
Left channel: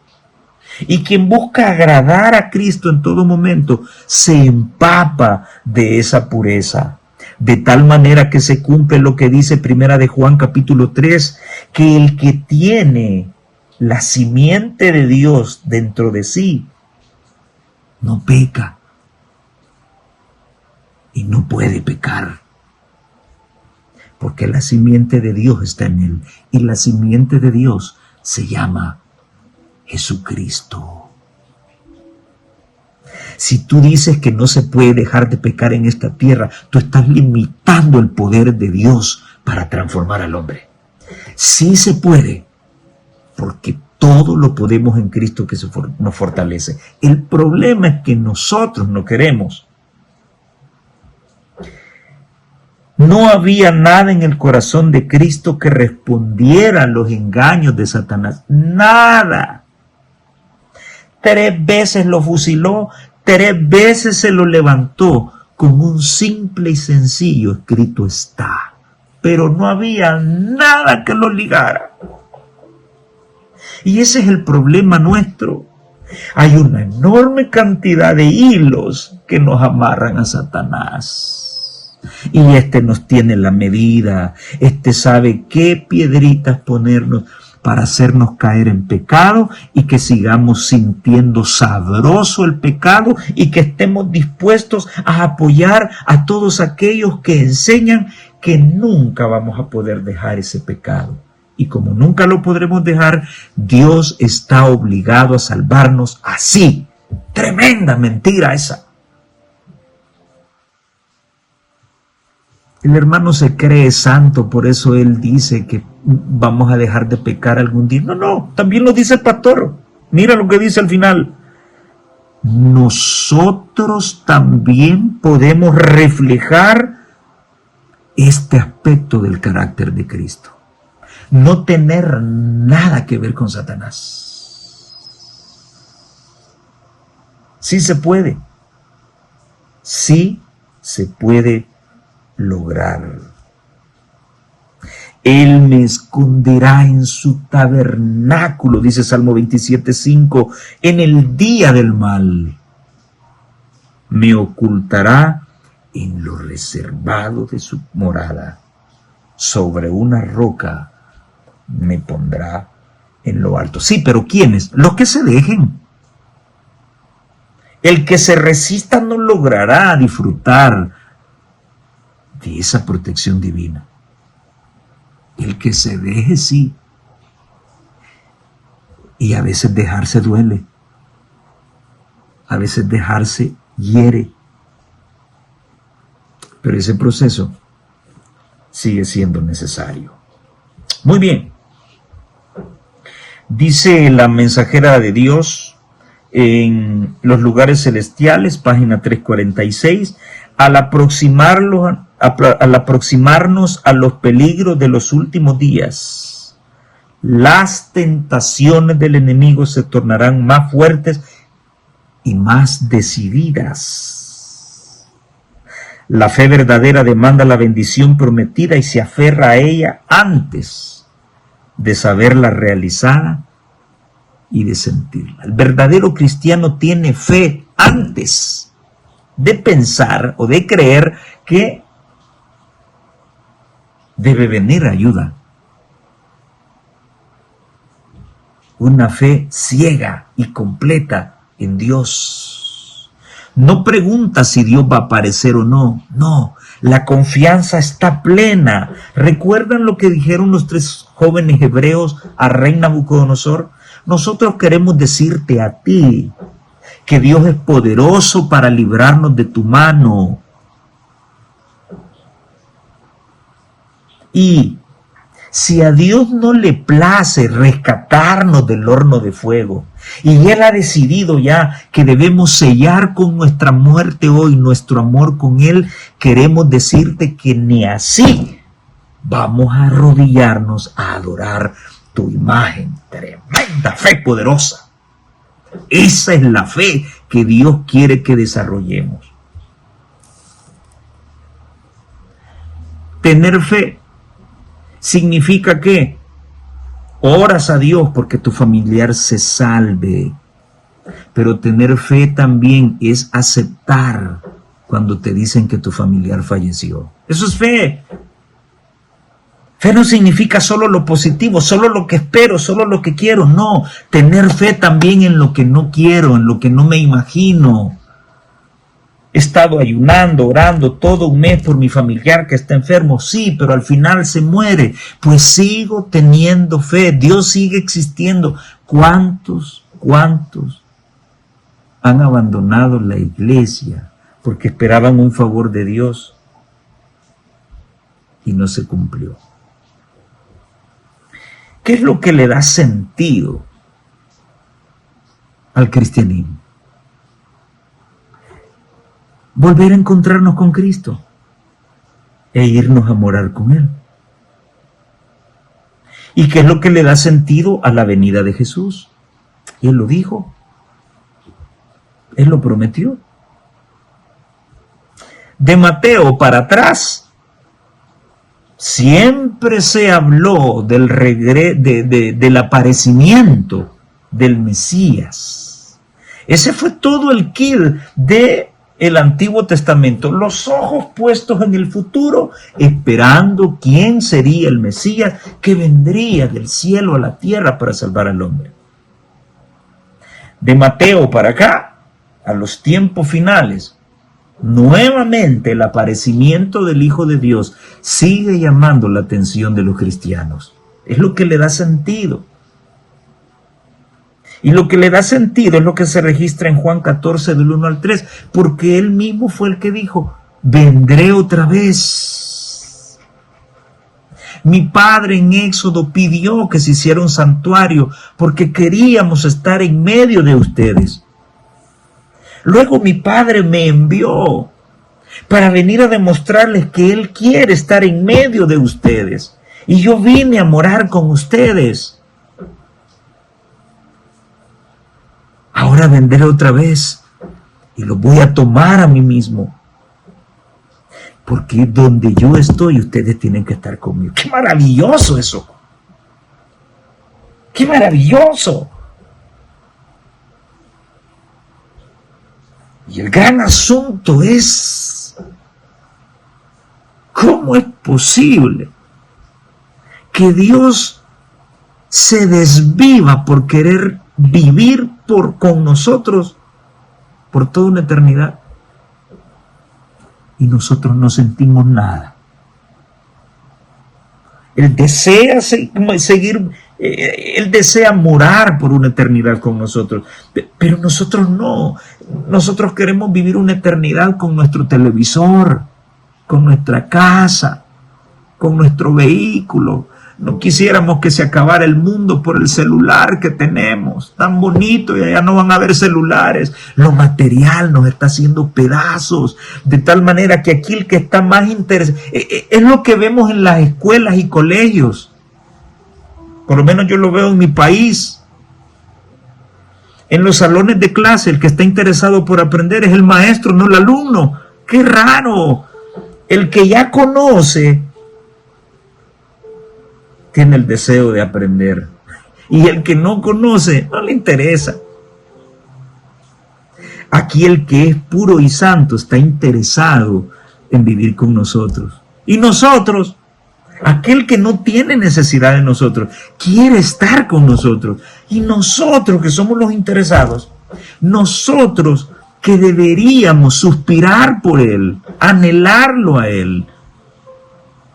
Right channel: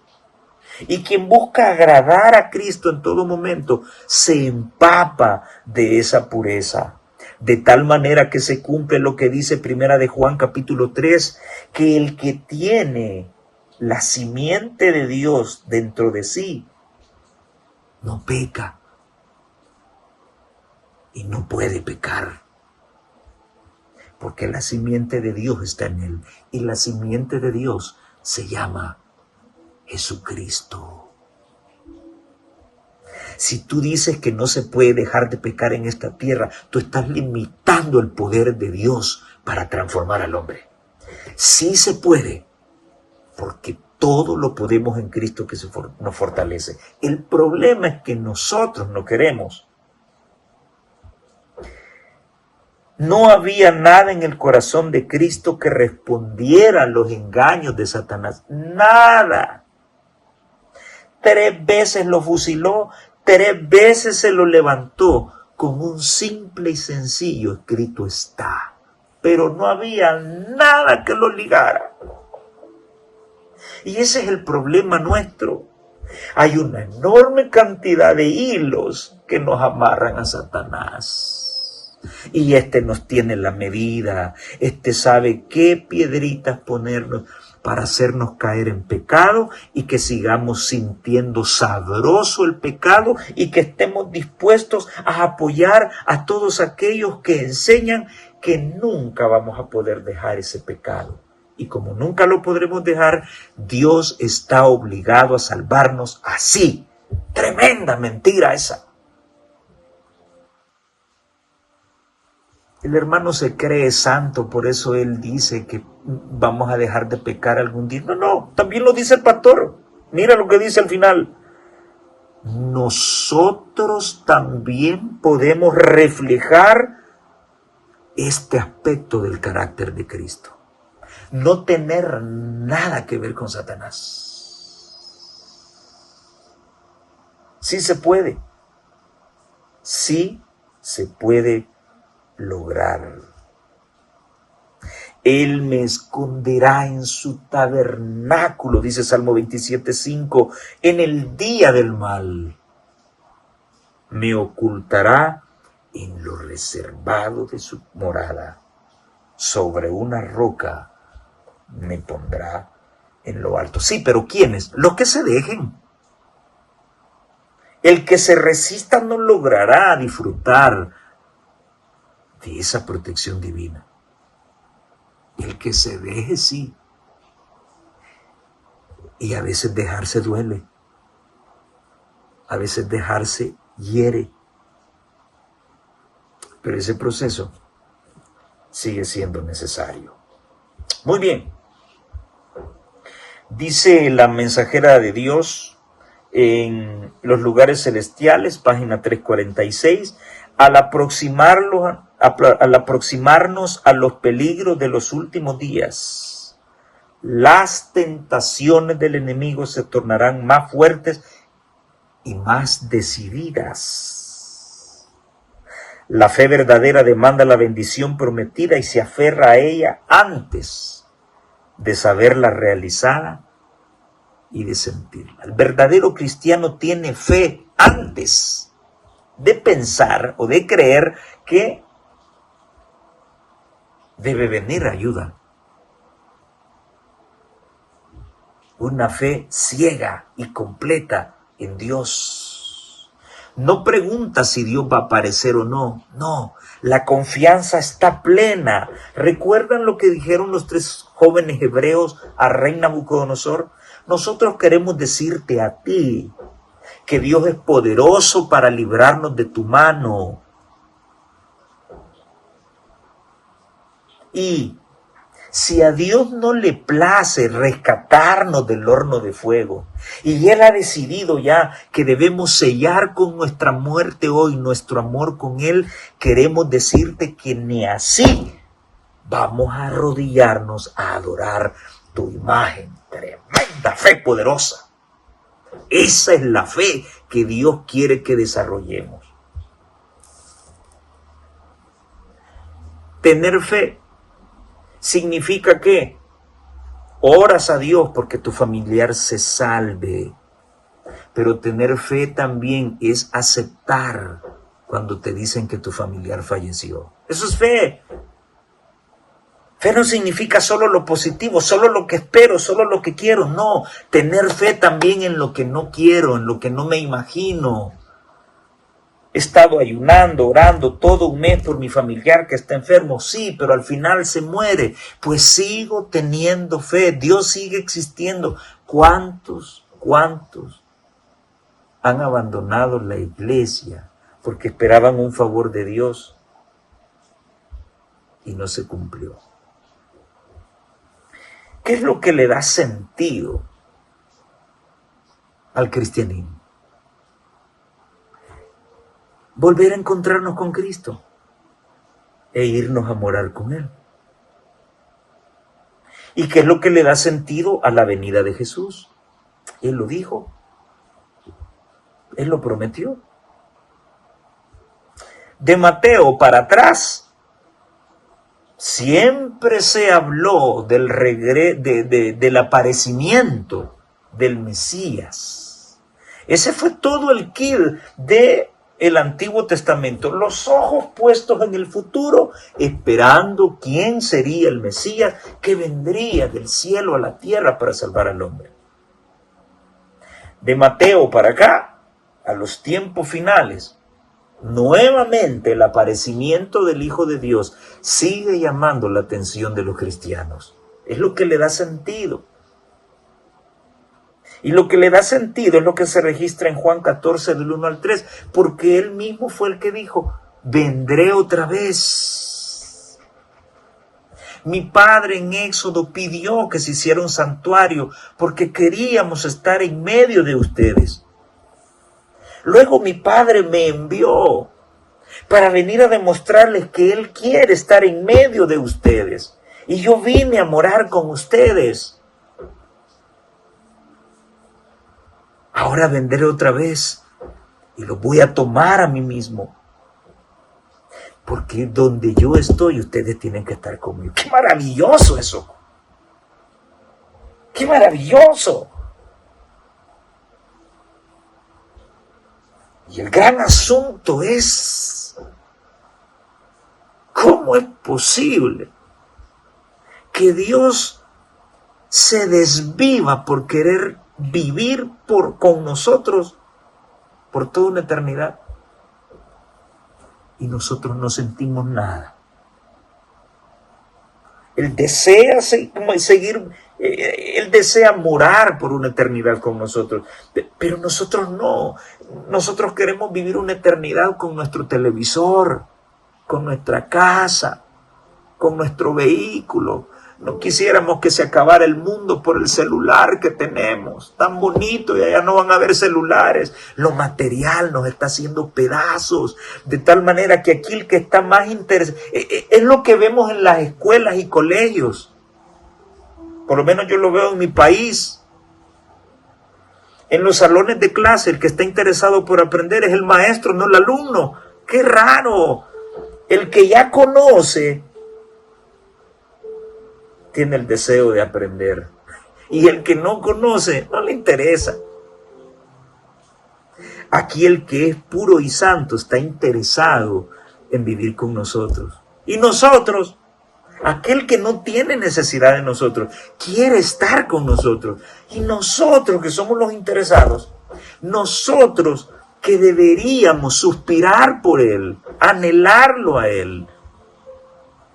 Y quien busca agradar a Cristo en todo momento se empapa de esa pureza. De tal manera que se cumple lo que dice Primera de Juan capítulo 3, que el que tiene la simiente de Dios dentro de sí no peca. Y no puede pecar, porque la simiente de Dios está en él, y la simiente de Dios se llama Jesucristo. Si tú dices que no se puede dejar de pecar en esta tierra, tú estás limitando el poder de Dios para transformar al hombre. Sí se puede, porque todo lo podemos en Cristo que nos fortalece. El problema es que nosotros no queremos. No había nada en el corazón de Cristo que respondiera a los engaños de Satanás. Nada. 3 veces lo fusiló, 3 veces se lo levantó con un simple y sencillo escrito está. Pero no había nada que lo ligara. Y ese es el problema nuestro. Hay una enorme cantidad de hilos que nos amarran a Satanás. Y nos tiene la medida, sabe qué piedritas ponernos para hacernos caer en pecado y que sigamos sintiendo sabroso el pecado y que estemos dispuestos a apoyar a todos aquellos que enseñan que nunca vamos a poder dejar ese pecado. Y como nunca lo podremos dejar, Dios está obligado a salvarnos así. Tremenda mentira esa. El hermano se cree santo, por eso él dice que vamos a dejar de pecar algún día. No, no, también lo dice el pastor. Mira lo que dice al final. Nosotros también podemos reflejar este aspecto del carácter de Cristo. No tener nada que ver con Satanás. Sí se puede. Sí se puede lograr. Él me esconderá en su tabernáculo, dice Salmo 27:5, en el día del mal. Me ocultará en lo reservado de su morada. Sobre una roca me pondrá en lo alto. Sí, pero ¿quiénes? Los que se dejen. El que se resista no logrará disfrutar de esa protección divina. El que se deje, sí. Y a veces dejarse duele. A veces dejarse hiere. Pero ese proceso sigue siendo necesario. Muy bien. Dice la mensajera de Dios en Los lugares celestiales, página 346, al aproximarnos a los peligros de los últimos días, las tentaciones del enemigo se tornarán más fuertes y más decididas. La fe verdadera demanda la bendición prometida y se aferra a ella antes de saberla realizada y de sentirla. El verdadero cristiano tiene fe antes de pensar o de creer que debe venir ayuda. Una fe ciega y completa en Dios. No pregunta si Dios va a aparecer o no. No, la confianza está plena. ¿Recuerdan lo que dijeron los 3 jóvenes hebreos a rey Nabucodonosor? Nosotros queremos decirte a ti que Dios es poderoso para librarnos de tu mano. Y si a Dios no le place rescatarnos del horno de fuego, y Él ha decidido ya que debemos sellar con nuestra muerte hoy nuestro amor con Él, queremos decirte que ni así vamos a arrodillarnos a adorar tu imagen. Tremenda fe poderosa. Esa es la fe que Dios quiere que desarrollemos. Tener fe significa que oras a Dios porque tu familiar se salve, pero tener fe también es aceptar cuando te dicen que tu familiar falleció. Eso es fe. Fe no significa solo lo positivo, solo lo que espero, solo lo que quiero. No, tener fe también en lo que no quiero, en lo que no me imagino. He estado ayunando, orando todo un mes por mi familiar que está enfermo. Sí, pero al final se muere. Pues sigo teniendo fe. Dios sigue existiendo. ¿Cuántos han abandonado la iglesia porque esperaban un favor de Dios y no se cumplió? ¿Qué es lo que le da sentido al cristianismo? Volver a encontrarnos con Cristo e irnos a morar con Él. ¿Y qué es lo que le da sentido a la venida de Jesús? Y Él lo dijo. Él lo prometió. De Mateo para atrás, siempre se habló del aparecimiento del Mesías. Ese fue todo el kill del Antiguo Testamento. Los ojos puestos en el futuro, esperando quién sería el Mesías que vendría del cielo a la tierra para salvar al hombre. De Mateo para acá, a los tiempos finales, nuevamente el aparecimiento del Hijo de Dios sigue llamando la atención de los cristianos. Es lo que le da sentido. Y lo que le da sentido es lo que se registra en Juan 14, del 1 al 3, porque Él mismo fue el que dijo, vendré otra vez Mi padre en Éxodo pidió que se hiciera un santuario porque queríamos estar en medio de ustedes. Luego mi padre me envió para venir a demostrarles que Él quiere estar en medio de ustedes. Y yo vine a morar con ustedes. Ahora vendré otra vez y los voy a tomar a mí mismo. Porque donde yo estoy, ustedes tienen que estar conmigo. ¡Qué maravilloso eso! ¡Qué maravilloso! Y el gran asunto es, ¿cómo es posible que Dios se desviva por querer vivir con nosotros por toda una eternidad? Y nosotros no sentimos nada. Él desea seguir, Él desea morar por una eternidad con nosotros, pero nosotros no. Nosotros queremos vivir una eternidad con nuestro televisor, con nuestra casa, con nuestro vehículo. No quisiéramos que se acabara el mundo por el celular que tenemos, tan bonito, y allá no van a haber celulares. Lo material nos está haciendo pedazos, de tal manera que aquí el que está más interesado, es lo que vemos en las escuelas y colegios. Por lo menos yo lo veo en mi país. En los salones de clase, el que está interesado por aprender es el maestro, no el alumno. ¡Qué raro! El que ya conoce tiene el deseo de aprender, y el que no conoce no le interesa. Aquí el que es puro y santo está interesado en vivir con nosotros, y nosotros, aquel que no tiene necesidad de nosotros, quiere estar con nosotros. Y nosotros que somos los interesados, nosotros que deberíamos suspirar por Él, anhelarlo a Él,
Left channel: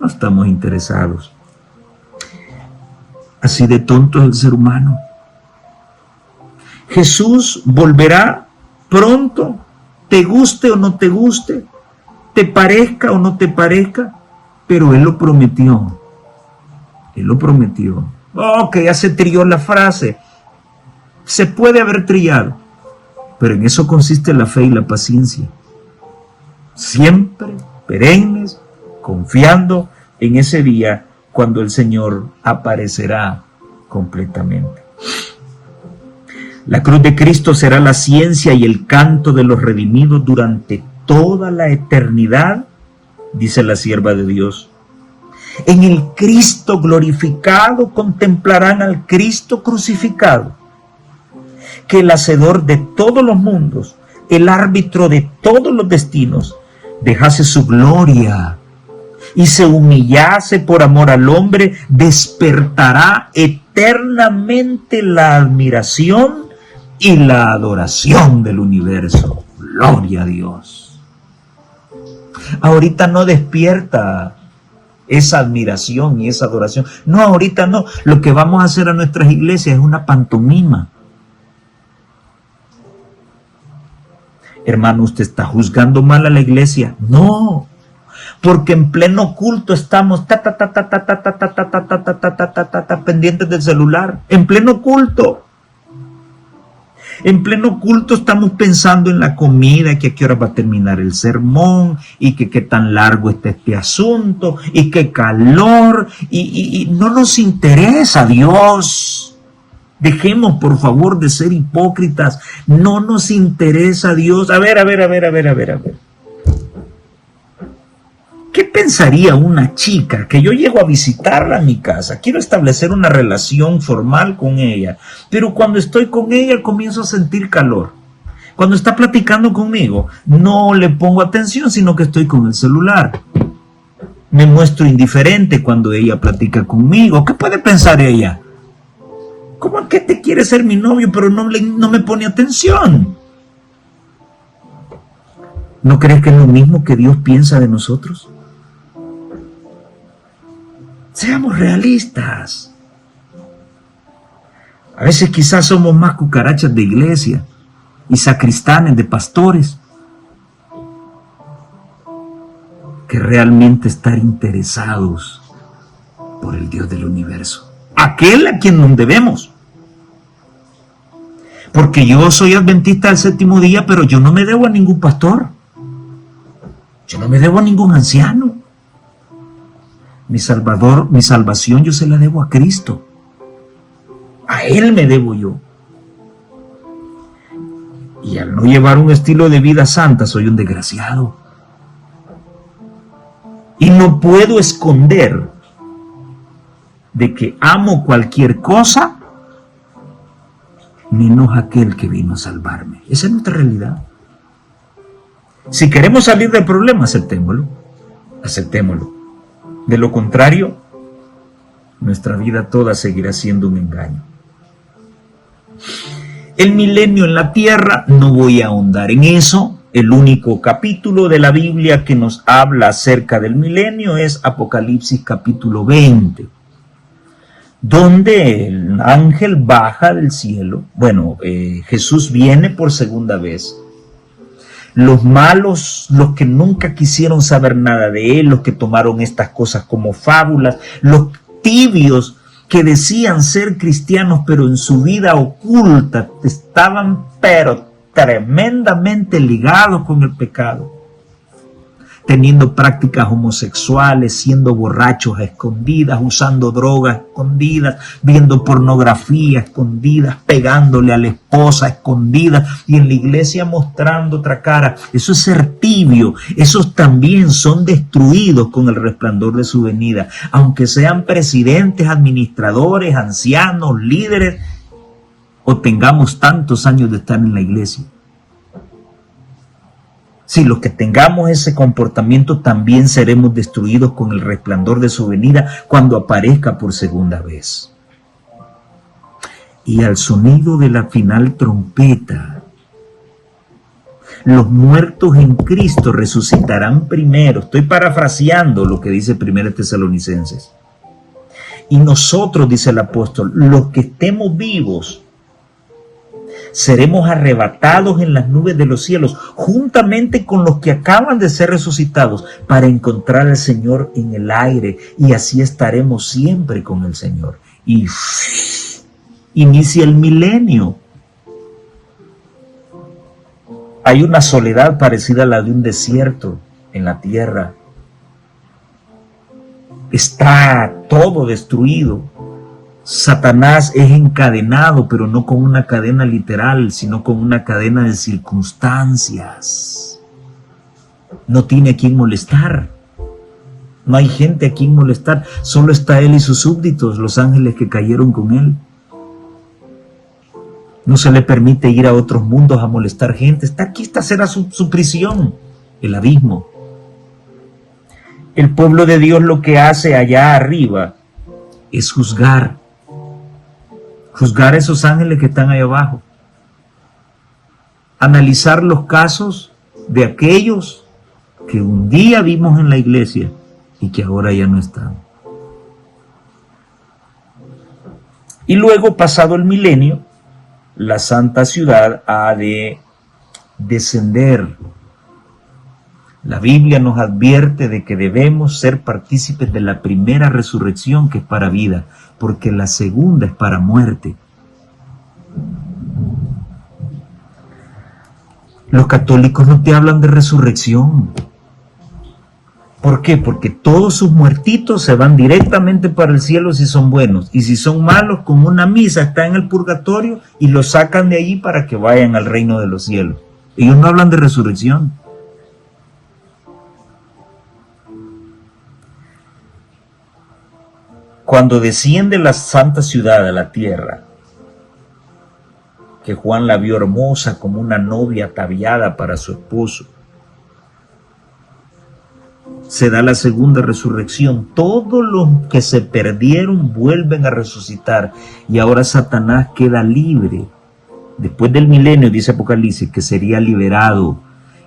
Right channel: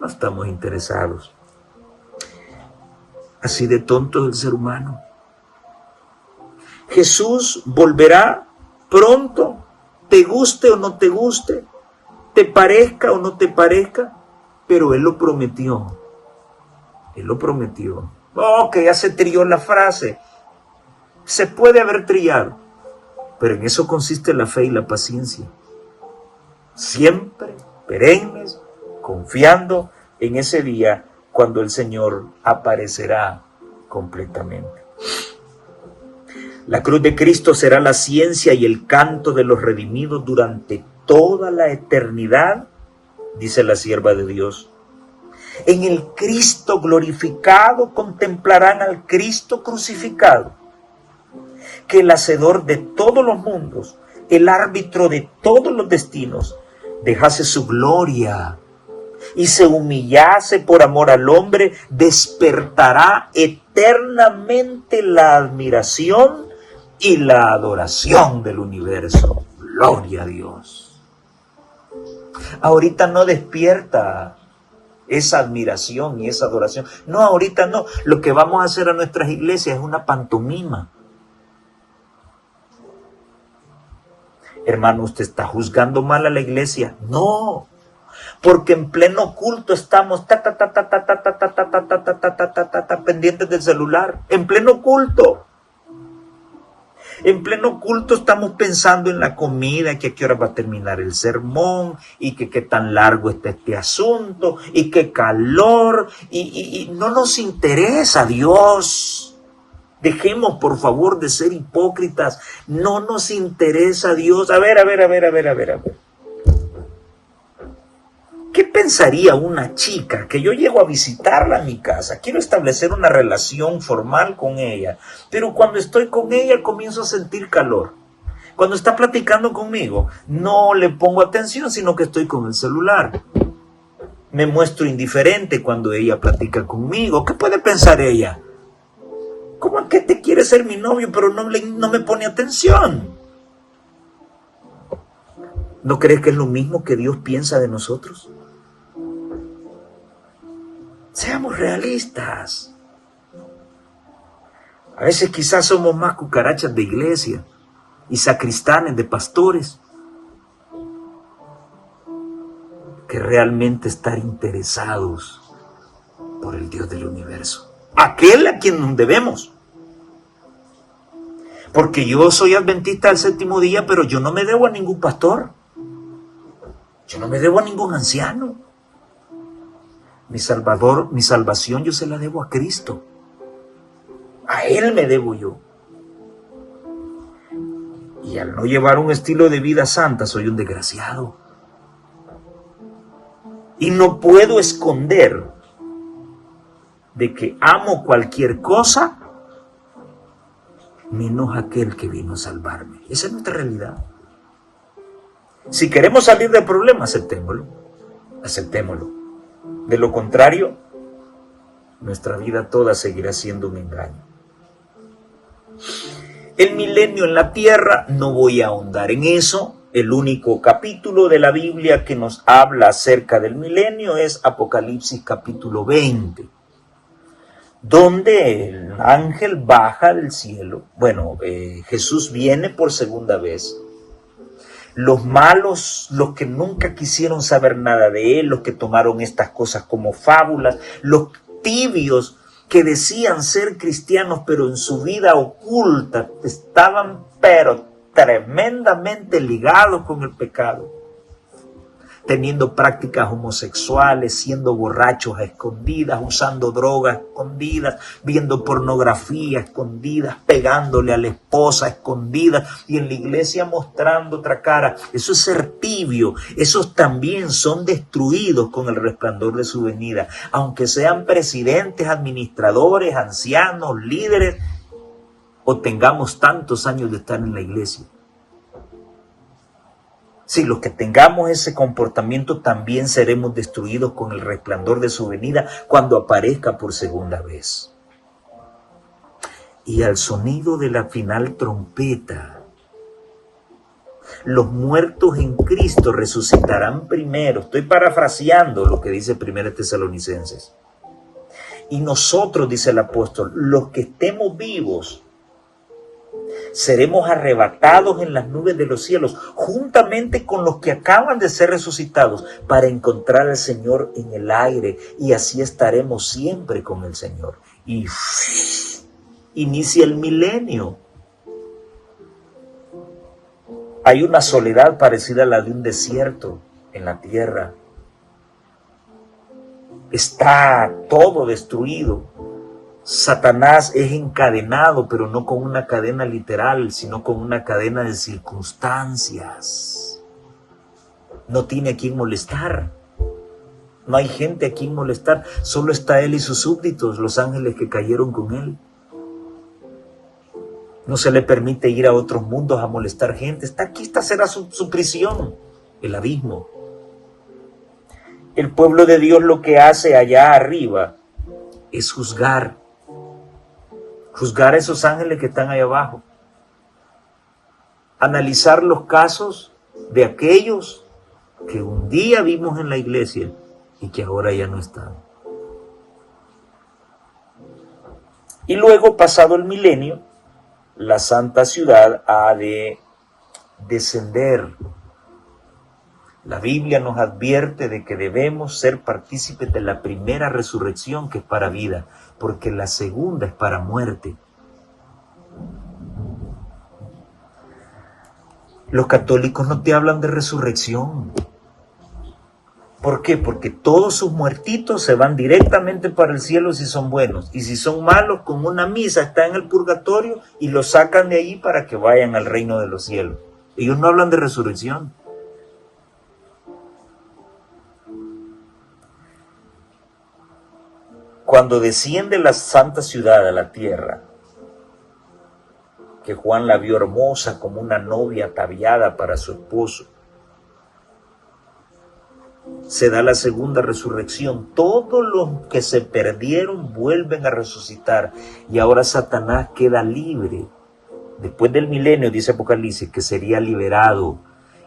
no estamos interesados. Así de tonto es el ser humano. Jesús volverá pronto, te guste o no te guste, te parezca o no te parezca, pero Él lo prometió. Él lo prometió. Que ya se trilló la frase. Se puede haber trillado, pero en eso consiste la fe y la paciencia. Siempre perennes, confiando en ese día cuando el Señor aparecerá completamente. La cruz de Cristo será la ciencia y el canto de los redimidos durante toda la eternidad, dice la sierva de Dios. En el Cristo glorificado contemplarán al Cristo crucificado, que el hacedor de todos los mundos, el árbitro de todos los destinos, dejase su gloria y se humillase por amor al hombre, despertará eternamente la admiración y la adoración del universo. Gloria a Dios. Ahorita no despierta esa admiración y esa adoración. No, ahorita no. Lo que vamos a hacer a nuestras iglesias es una pantomima. Hermano, ¿usted está juzgando mal a la iglesia? No. Porque en pleno culto estamos pendientes del celular. En pleno culto. En pleno culto estamos pensando en la comida, que a qué hora va a terminar el sermón, y que qué tan largo está este asunto, y qué calor, y no nos interesa Dios. Dejemos por favor de ser hipócritas. No nos interesa Dios. A ver. ¿Qué pensaría una chica que yo llego a visitarla a mi casa? Quiero establecer una relación formal con ella, pero cuando estoy con ella comienzo a sentir calor. Cuando está platicando conmigo, no le pongo atención, sino que estoy con el celular. Me muestro indiferente cuando ella platica conmigo. ¿Qué puede pensar ella? ¿Cómo es que te quiere ser mi novio, pero no me pone atención? ¿No crees que es lo mismo que Dios piensa de nosotros? Seamos realistas. A veces quizás somos más cucarachas de iglesia y sacristanes de pastores que realmente estar interesados por el Dios del universo, aquel a quien nos debemos. Porque yo soy adventista del séptimo día, pero yo no me debo a ningún pastor, yo no me debo a ningún anciano. Mi Salvador, mi salvación yo se la debo a Cristo, a Él me debo yo. Y al no llevar un estilo de vida santa soy un desgraciado. Y no puedo esconder de que amo cualquier cosa menos aquel que vino a salvarme. Esa es nuestra realidad. Si queremos salir del problema, aceptémoslo. Aceptémoslo. De lo contrario, nuestra vida toda seguirá siendo un engaño. El milenio en la tierra, no voy a ahondar en eso. El único capítulo de la Biblia que nos habla acerca del milenio es Apocalipsis capítulo 20, donde el ángel baja del cielo. Bueno, Jesús viene por segunda vez. Los malos, los que nunca quisieron saber nada de Él, los que tomaron estas cosas como fábulas, los tibios que decían ser cristianos, pero en su vida oculta estaban pero tremendamente ligados con el pecado, teniendo prácticas homosexuales, siendo borrachos a escondidas, usando drogas a escondidas, viendo pornografía a escondidas, pegándole a la esposa a escondidas y en la iglesia mostrando otra cara. Eso es ser tibio. Esos también son destruidos con el resplandor de su venida, aunque sean presidentes, administradores, ancianos, líderes, o tengamos tantos años de estar en la iglesia. Si los que tengamos ese comportamiento también seremos destruidos con el resplandor de su venida cuando aparezca por segunda vez. Y al sonido de la final trompeta, los muertos en Cristo resucitarán primero. Estoy parafraseando lo que dice 1 Tesalonicenses. Y nosotros, dice el apóstol, los que estemos vivos, seremos arrebatados en las nubes de los cielos, juntamente con los que acaban de ser resucitados, para encontrar al Señor en el aire, y así estaremos siempre con el Señor. Y inicia el milenio. Hay una soledad parecida a la de un desierto en la tierra. Está todo destruido. Satanás es encadenado, pero no con una cadena literal, sino con una cadena de circunstancias. No tiene a quien molestar. No hay gente a quien molestar. Solo está él y sus súbditos, los ángeles que cayeron con él. No se le permite ir a otros mundos a molestar gente. Está aquí, esta será su prisión, el abismo. El pueblo de Dios lo que hace allá arriba es juzgar a esos ángeles que están ahí abajo, analizar los casos de aquellos que un día vimos en la iglesia y que ahora ya no están. Y luego, pasado el milenio, la santa ciudad ha de descender. La Biblia nos advierte de que debemos ser partícipes de la primera resurrección, que es para vida, porque la segunda es para muerte. Los católicos no te hablan de resurrección. ¿Por qué? Porque todos sus muertitos se van directamente para el cielo si son buenos, y si son malos, con una misa están en el purgatorio y los sacan de allí para que vayan al reino de los cielos. Ellos no hablan de resurrección. Cuando desciende la santa ciudad a la tierra, que Juan la vio hermosa como una novia ataviada para su esposo, se da la segunda resurrección. Todos los que se perdieron vuelven a resucitar, y ahora Satanás queda libre. Después del milenio, dice Apocalipsis, que sería liberado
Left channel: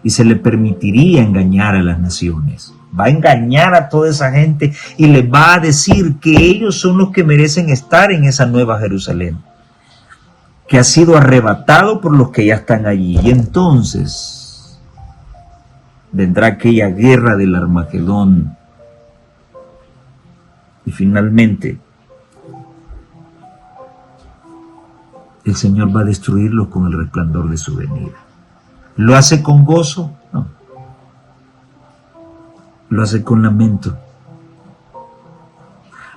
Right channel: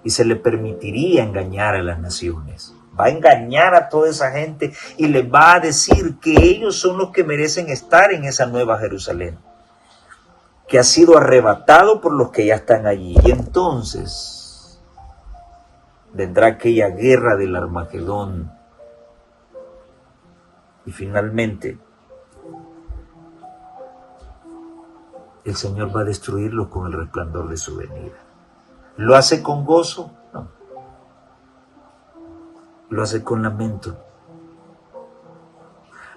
y se le permitiría engañar a las naciones. Va a engañar a toda esa gente y les va a decir que ellos son los que merecen estar en esa nueva Jerusalén, que ha sido arrebatado por los que ya están allí. Y entonces vendrá aquella guerra del Armagedón, Y finalmente, el Señor va a destruirlo con el resplandor de su venida. ¿Lo hace con gozo? No. Lo hace con lamento.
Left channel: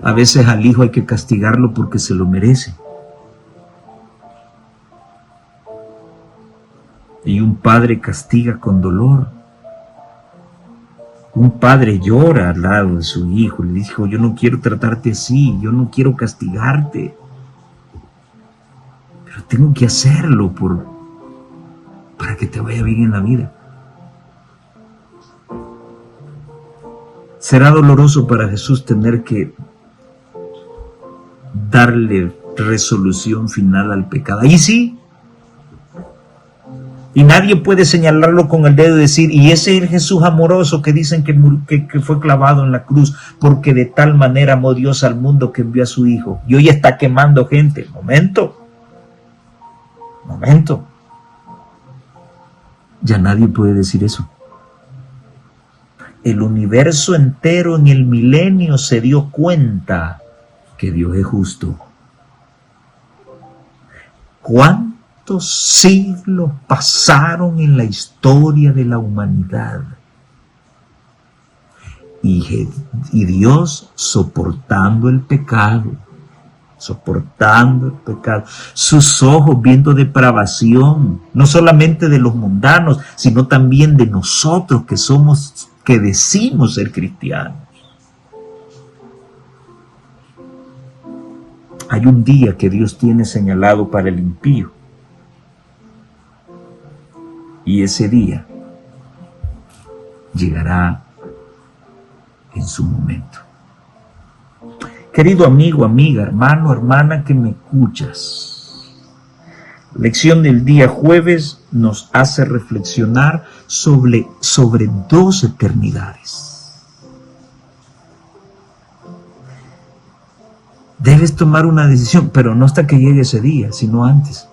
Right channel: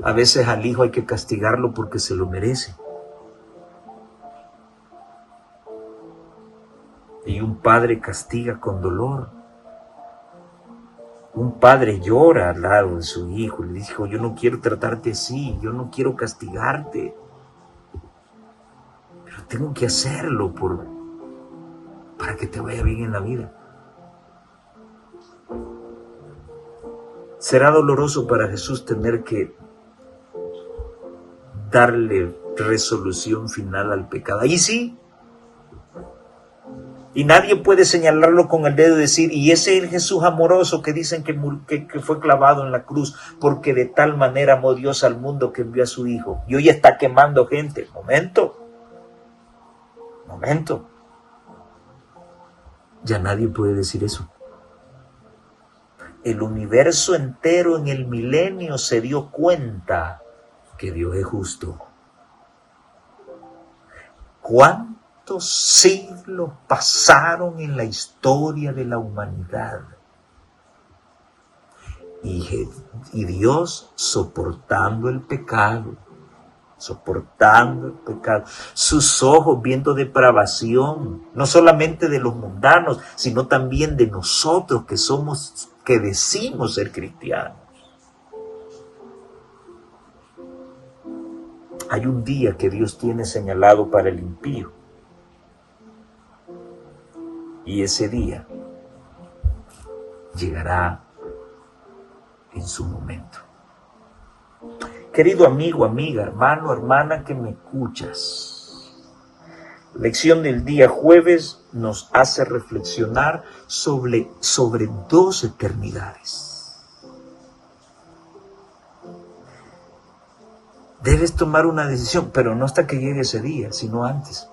A veces al hijo hay que castigarlo porque se lo merece. Y un padre castiga con dolor. Un padre llora al lado de su hijo y le dice: yo no quiero tratarte así, yo no quiero castigarte, pero tengo que hacerlo para que te vaya bien en la vida. Será doloroso para Jesús tener que darle resolución final al pecado. Ahí sí. Y nadie puede señalarlo con el dedo y decir: y ese es el Jesús amoroso que dicen que fue clavado en la cruz, porque de tal manera amó Dios al mundo que envió a su Hijo. Y hoy está quemando gente. Momento. Ya nadie puede decir eso. El universo entero en el milenio se dio cuenta que Dios es justo. ¿Cuántos siglos pasaron en la historia de la humanidad? Y Dios soportando el pecado, sus ojos viendo depravación, no solamente de los mundanos, sino también de nosotros que decimos ser cristianos. Hay un día que Dios tiene señalado para el impío. Y ese día llegará en su momento. Querido amigo, amiga, hermano, hermana que me escuchas, la lección del día jueves nos hace reflexionar sobre 2 eternidades. Debes tomar una decisión, pero no hasta que llegue ese día, sino antes.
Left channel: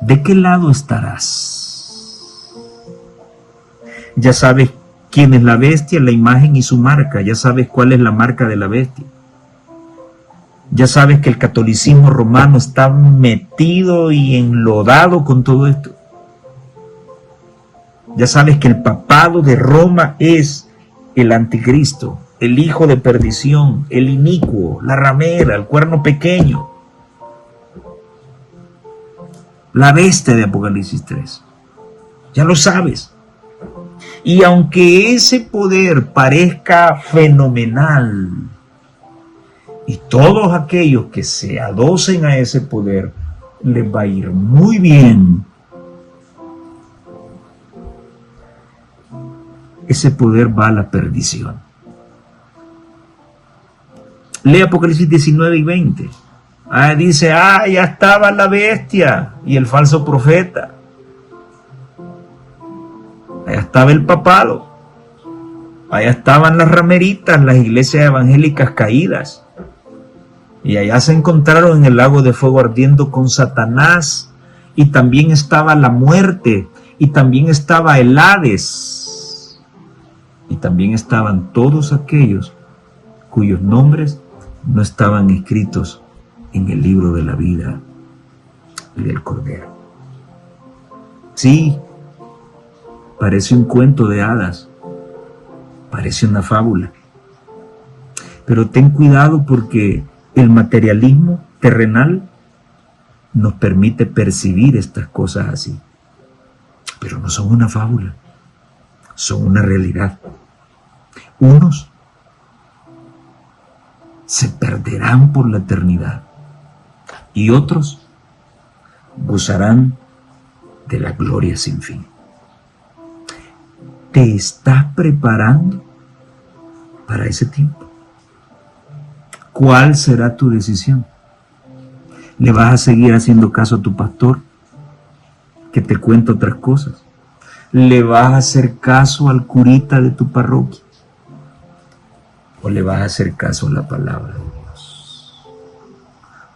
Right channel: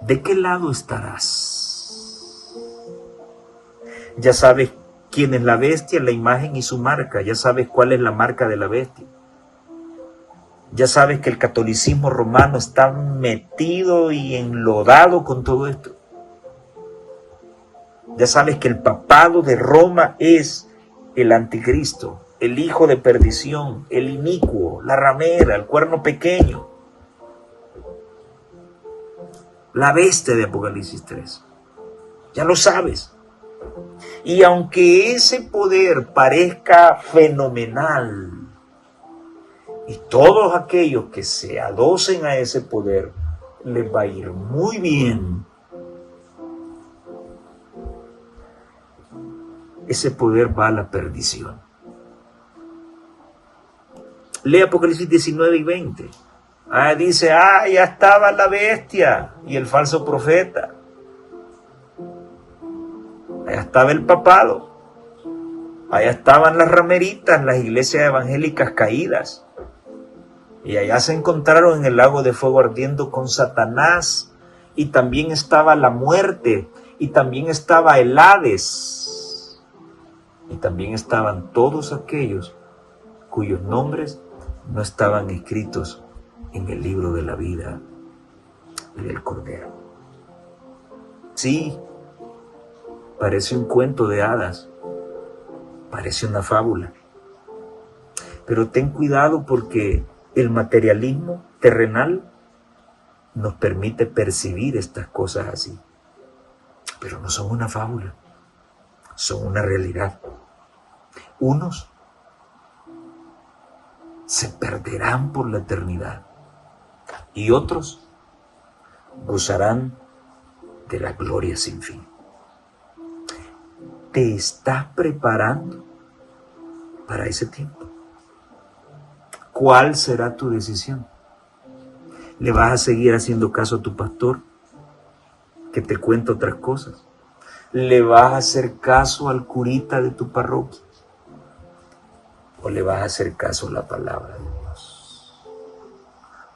¿De qué lado estarás? Ya sabes quién es la bestia, la imagen y su marca. Ya sabes cuál es la marca de la bestia. Ya sabes que el catolicismo romano está metido y enlodado con todo esto. Ya sabes que el papado de Roma es el anticristo, el hijo de perdición, el inicuo, la ramera, el cuerno pequeño, la bestia de Apocalipsis 3. Ya lo sabes. Y aunque ese poder parezca fenomenal, y todos aquellos que se adocen a ese poder, les va a ir muy bien, ese poder va a la perdición. Lee Apocalipsis 19 y 20. Dice: ya estaba la bestia y el falso profeta. Allá estaba el papado. Allá estaban las rameritas, las iglesias evangélicas caídas. Y allá se encontraron en el lago de fuego ardiendo con Satanás. Y también estaba la muerte. Y también estaba el Hades. Y también estaban todos aquellos cuyos nombres no estaban escritos en el libro de la vida y del Cordero. Sí, parece un cuento de hadas, parece una fábula, pero ten cuidado porque el materialismo terrenal nos permite percibir estas cosas así, pero no son una fábula, son una realidad. Unos se perderán por la eternidad y otros gozarán de la gloria sin fin. ¿Te estás preparando para ese tiempo? ¿Cuál será tu decisión? ¿Le vas a seguir haciendo caso a tu pastor que te cuenta otras cosas? ¿Le vas a hacer caso al curita de tu parroquia? ¿O le vas a hacer caso a la palabra de Dios?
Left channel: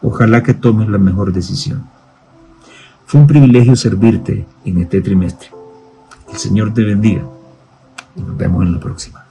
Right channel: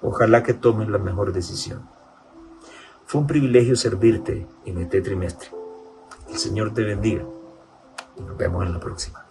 Ojalá que tomes la mejor decisión. Fue un privilegio servirte en este trimestre. El Señor te bendiga y nos vemos en la próxima.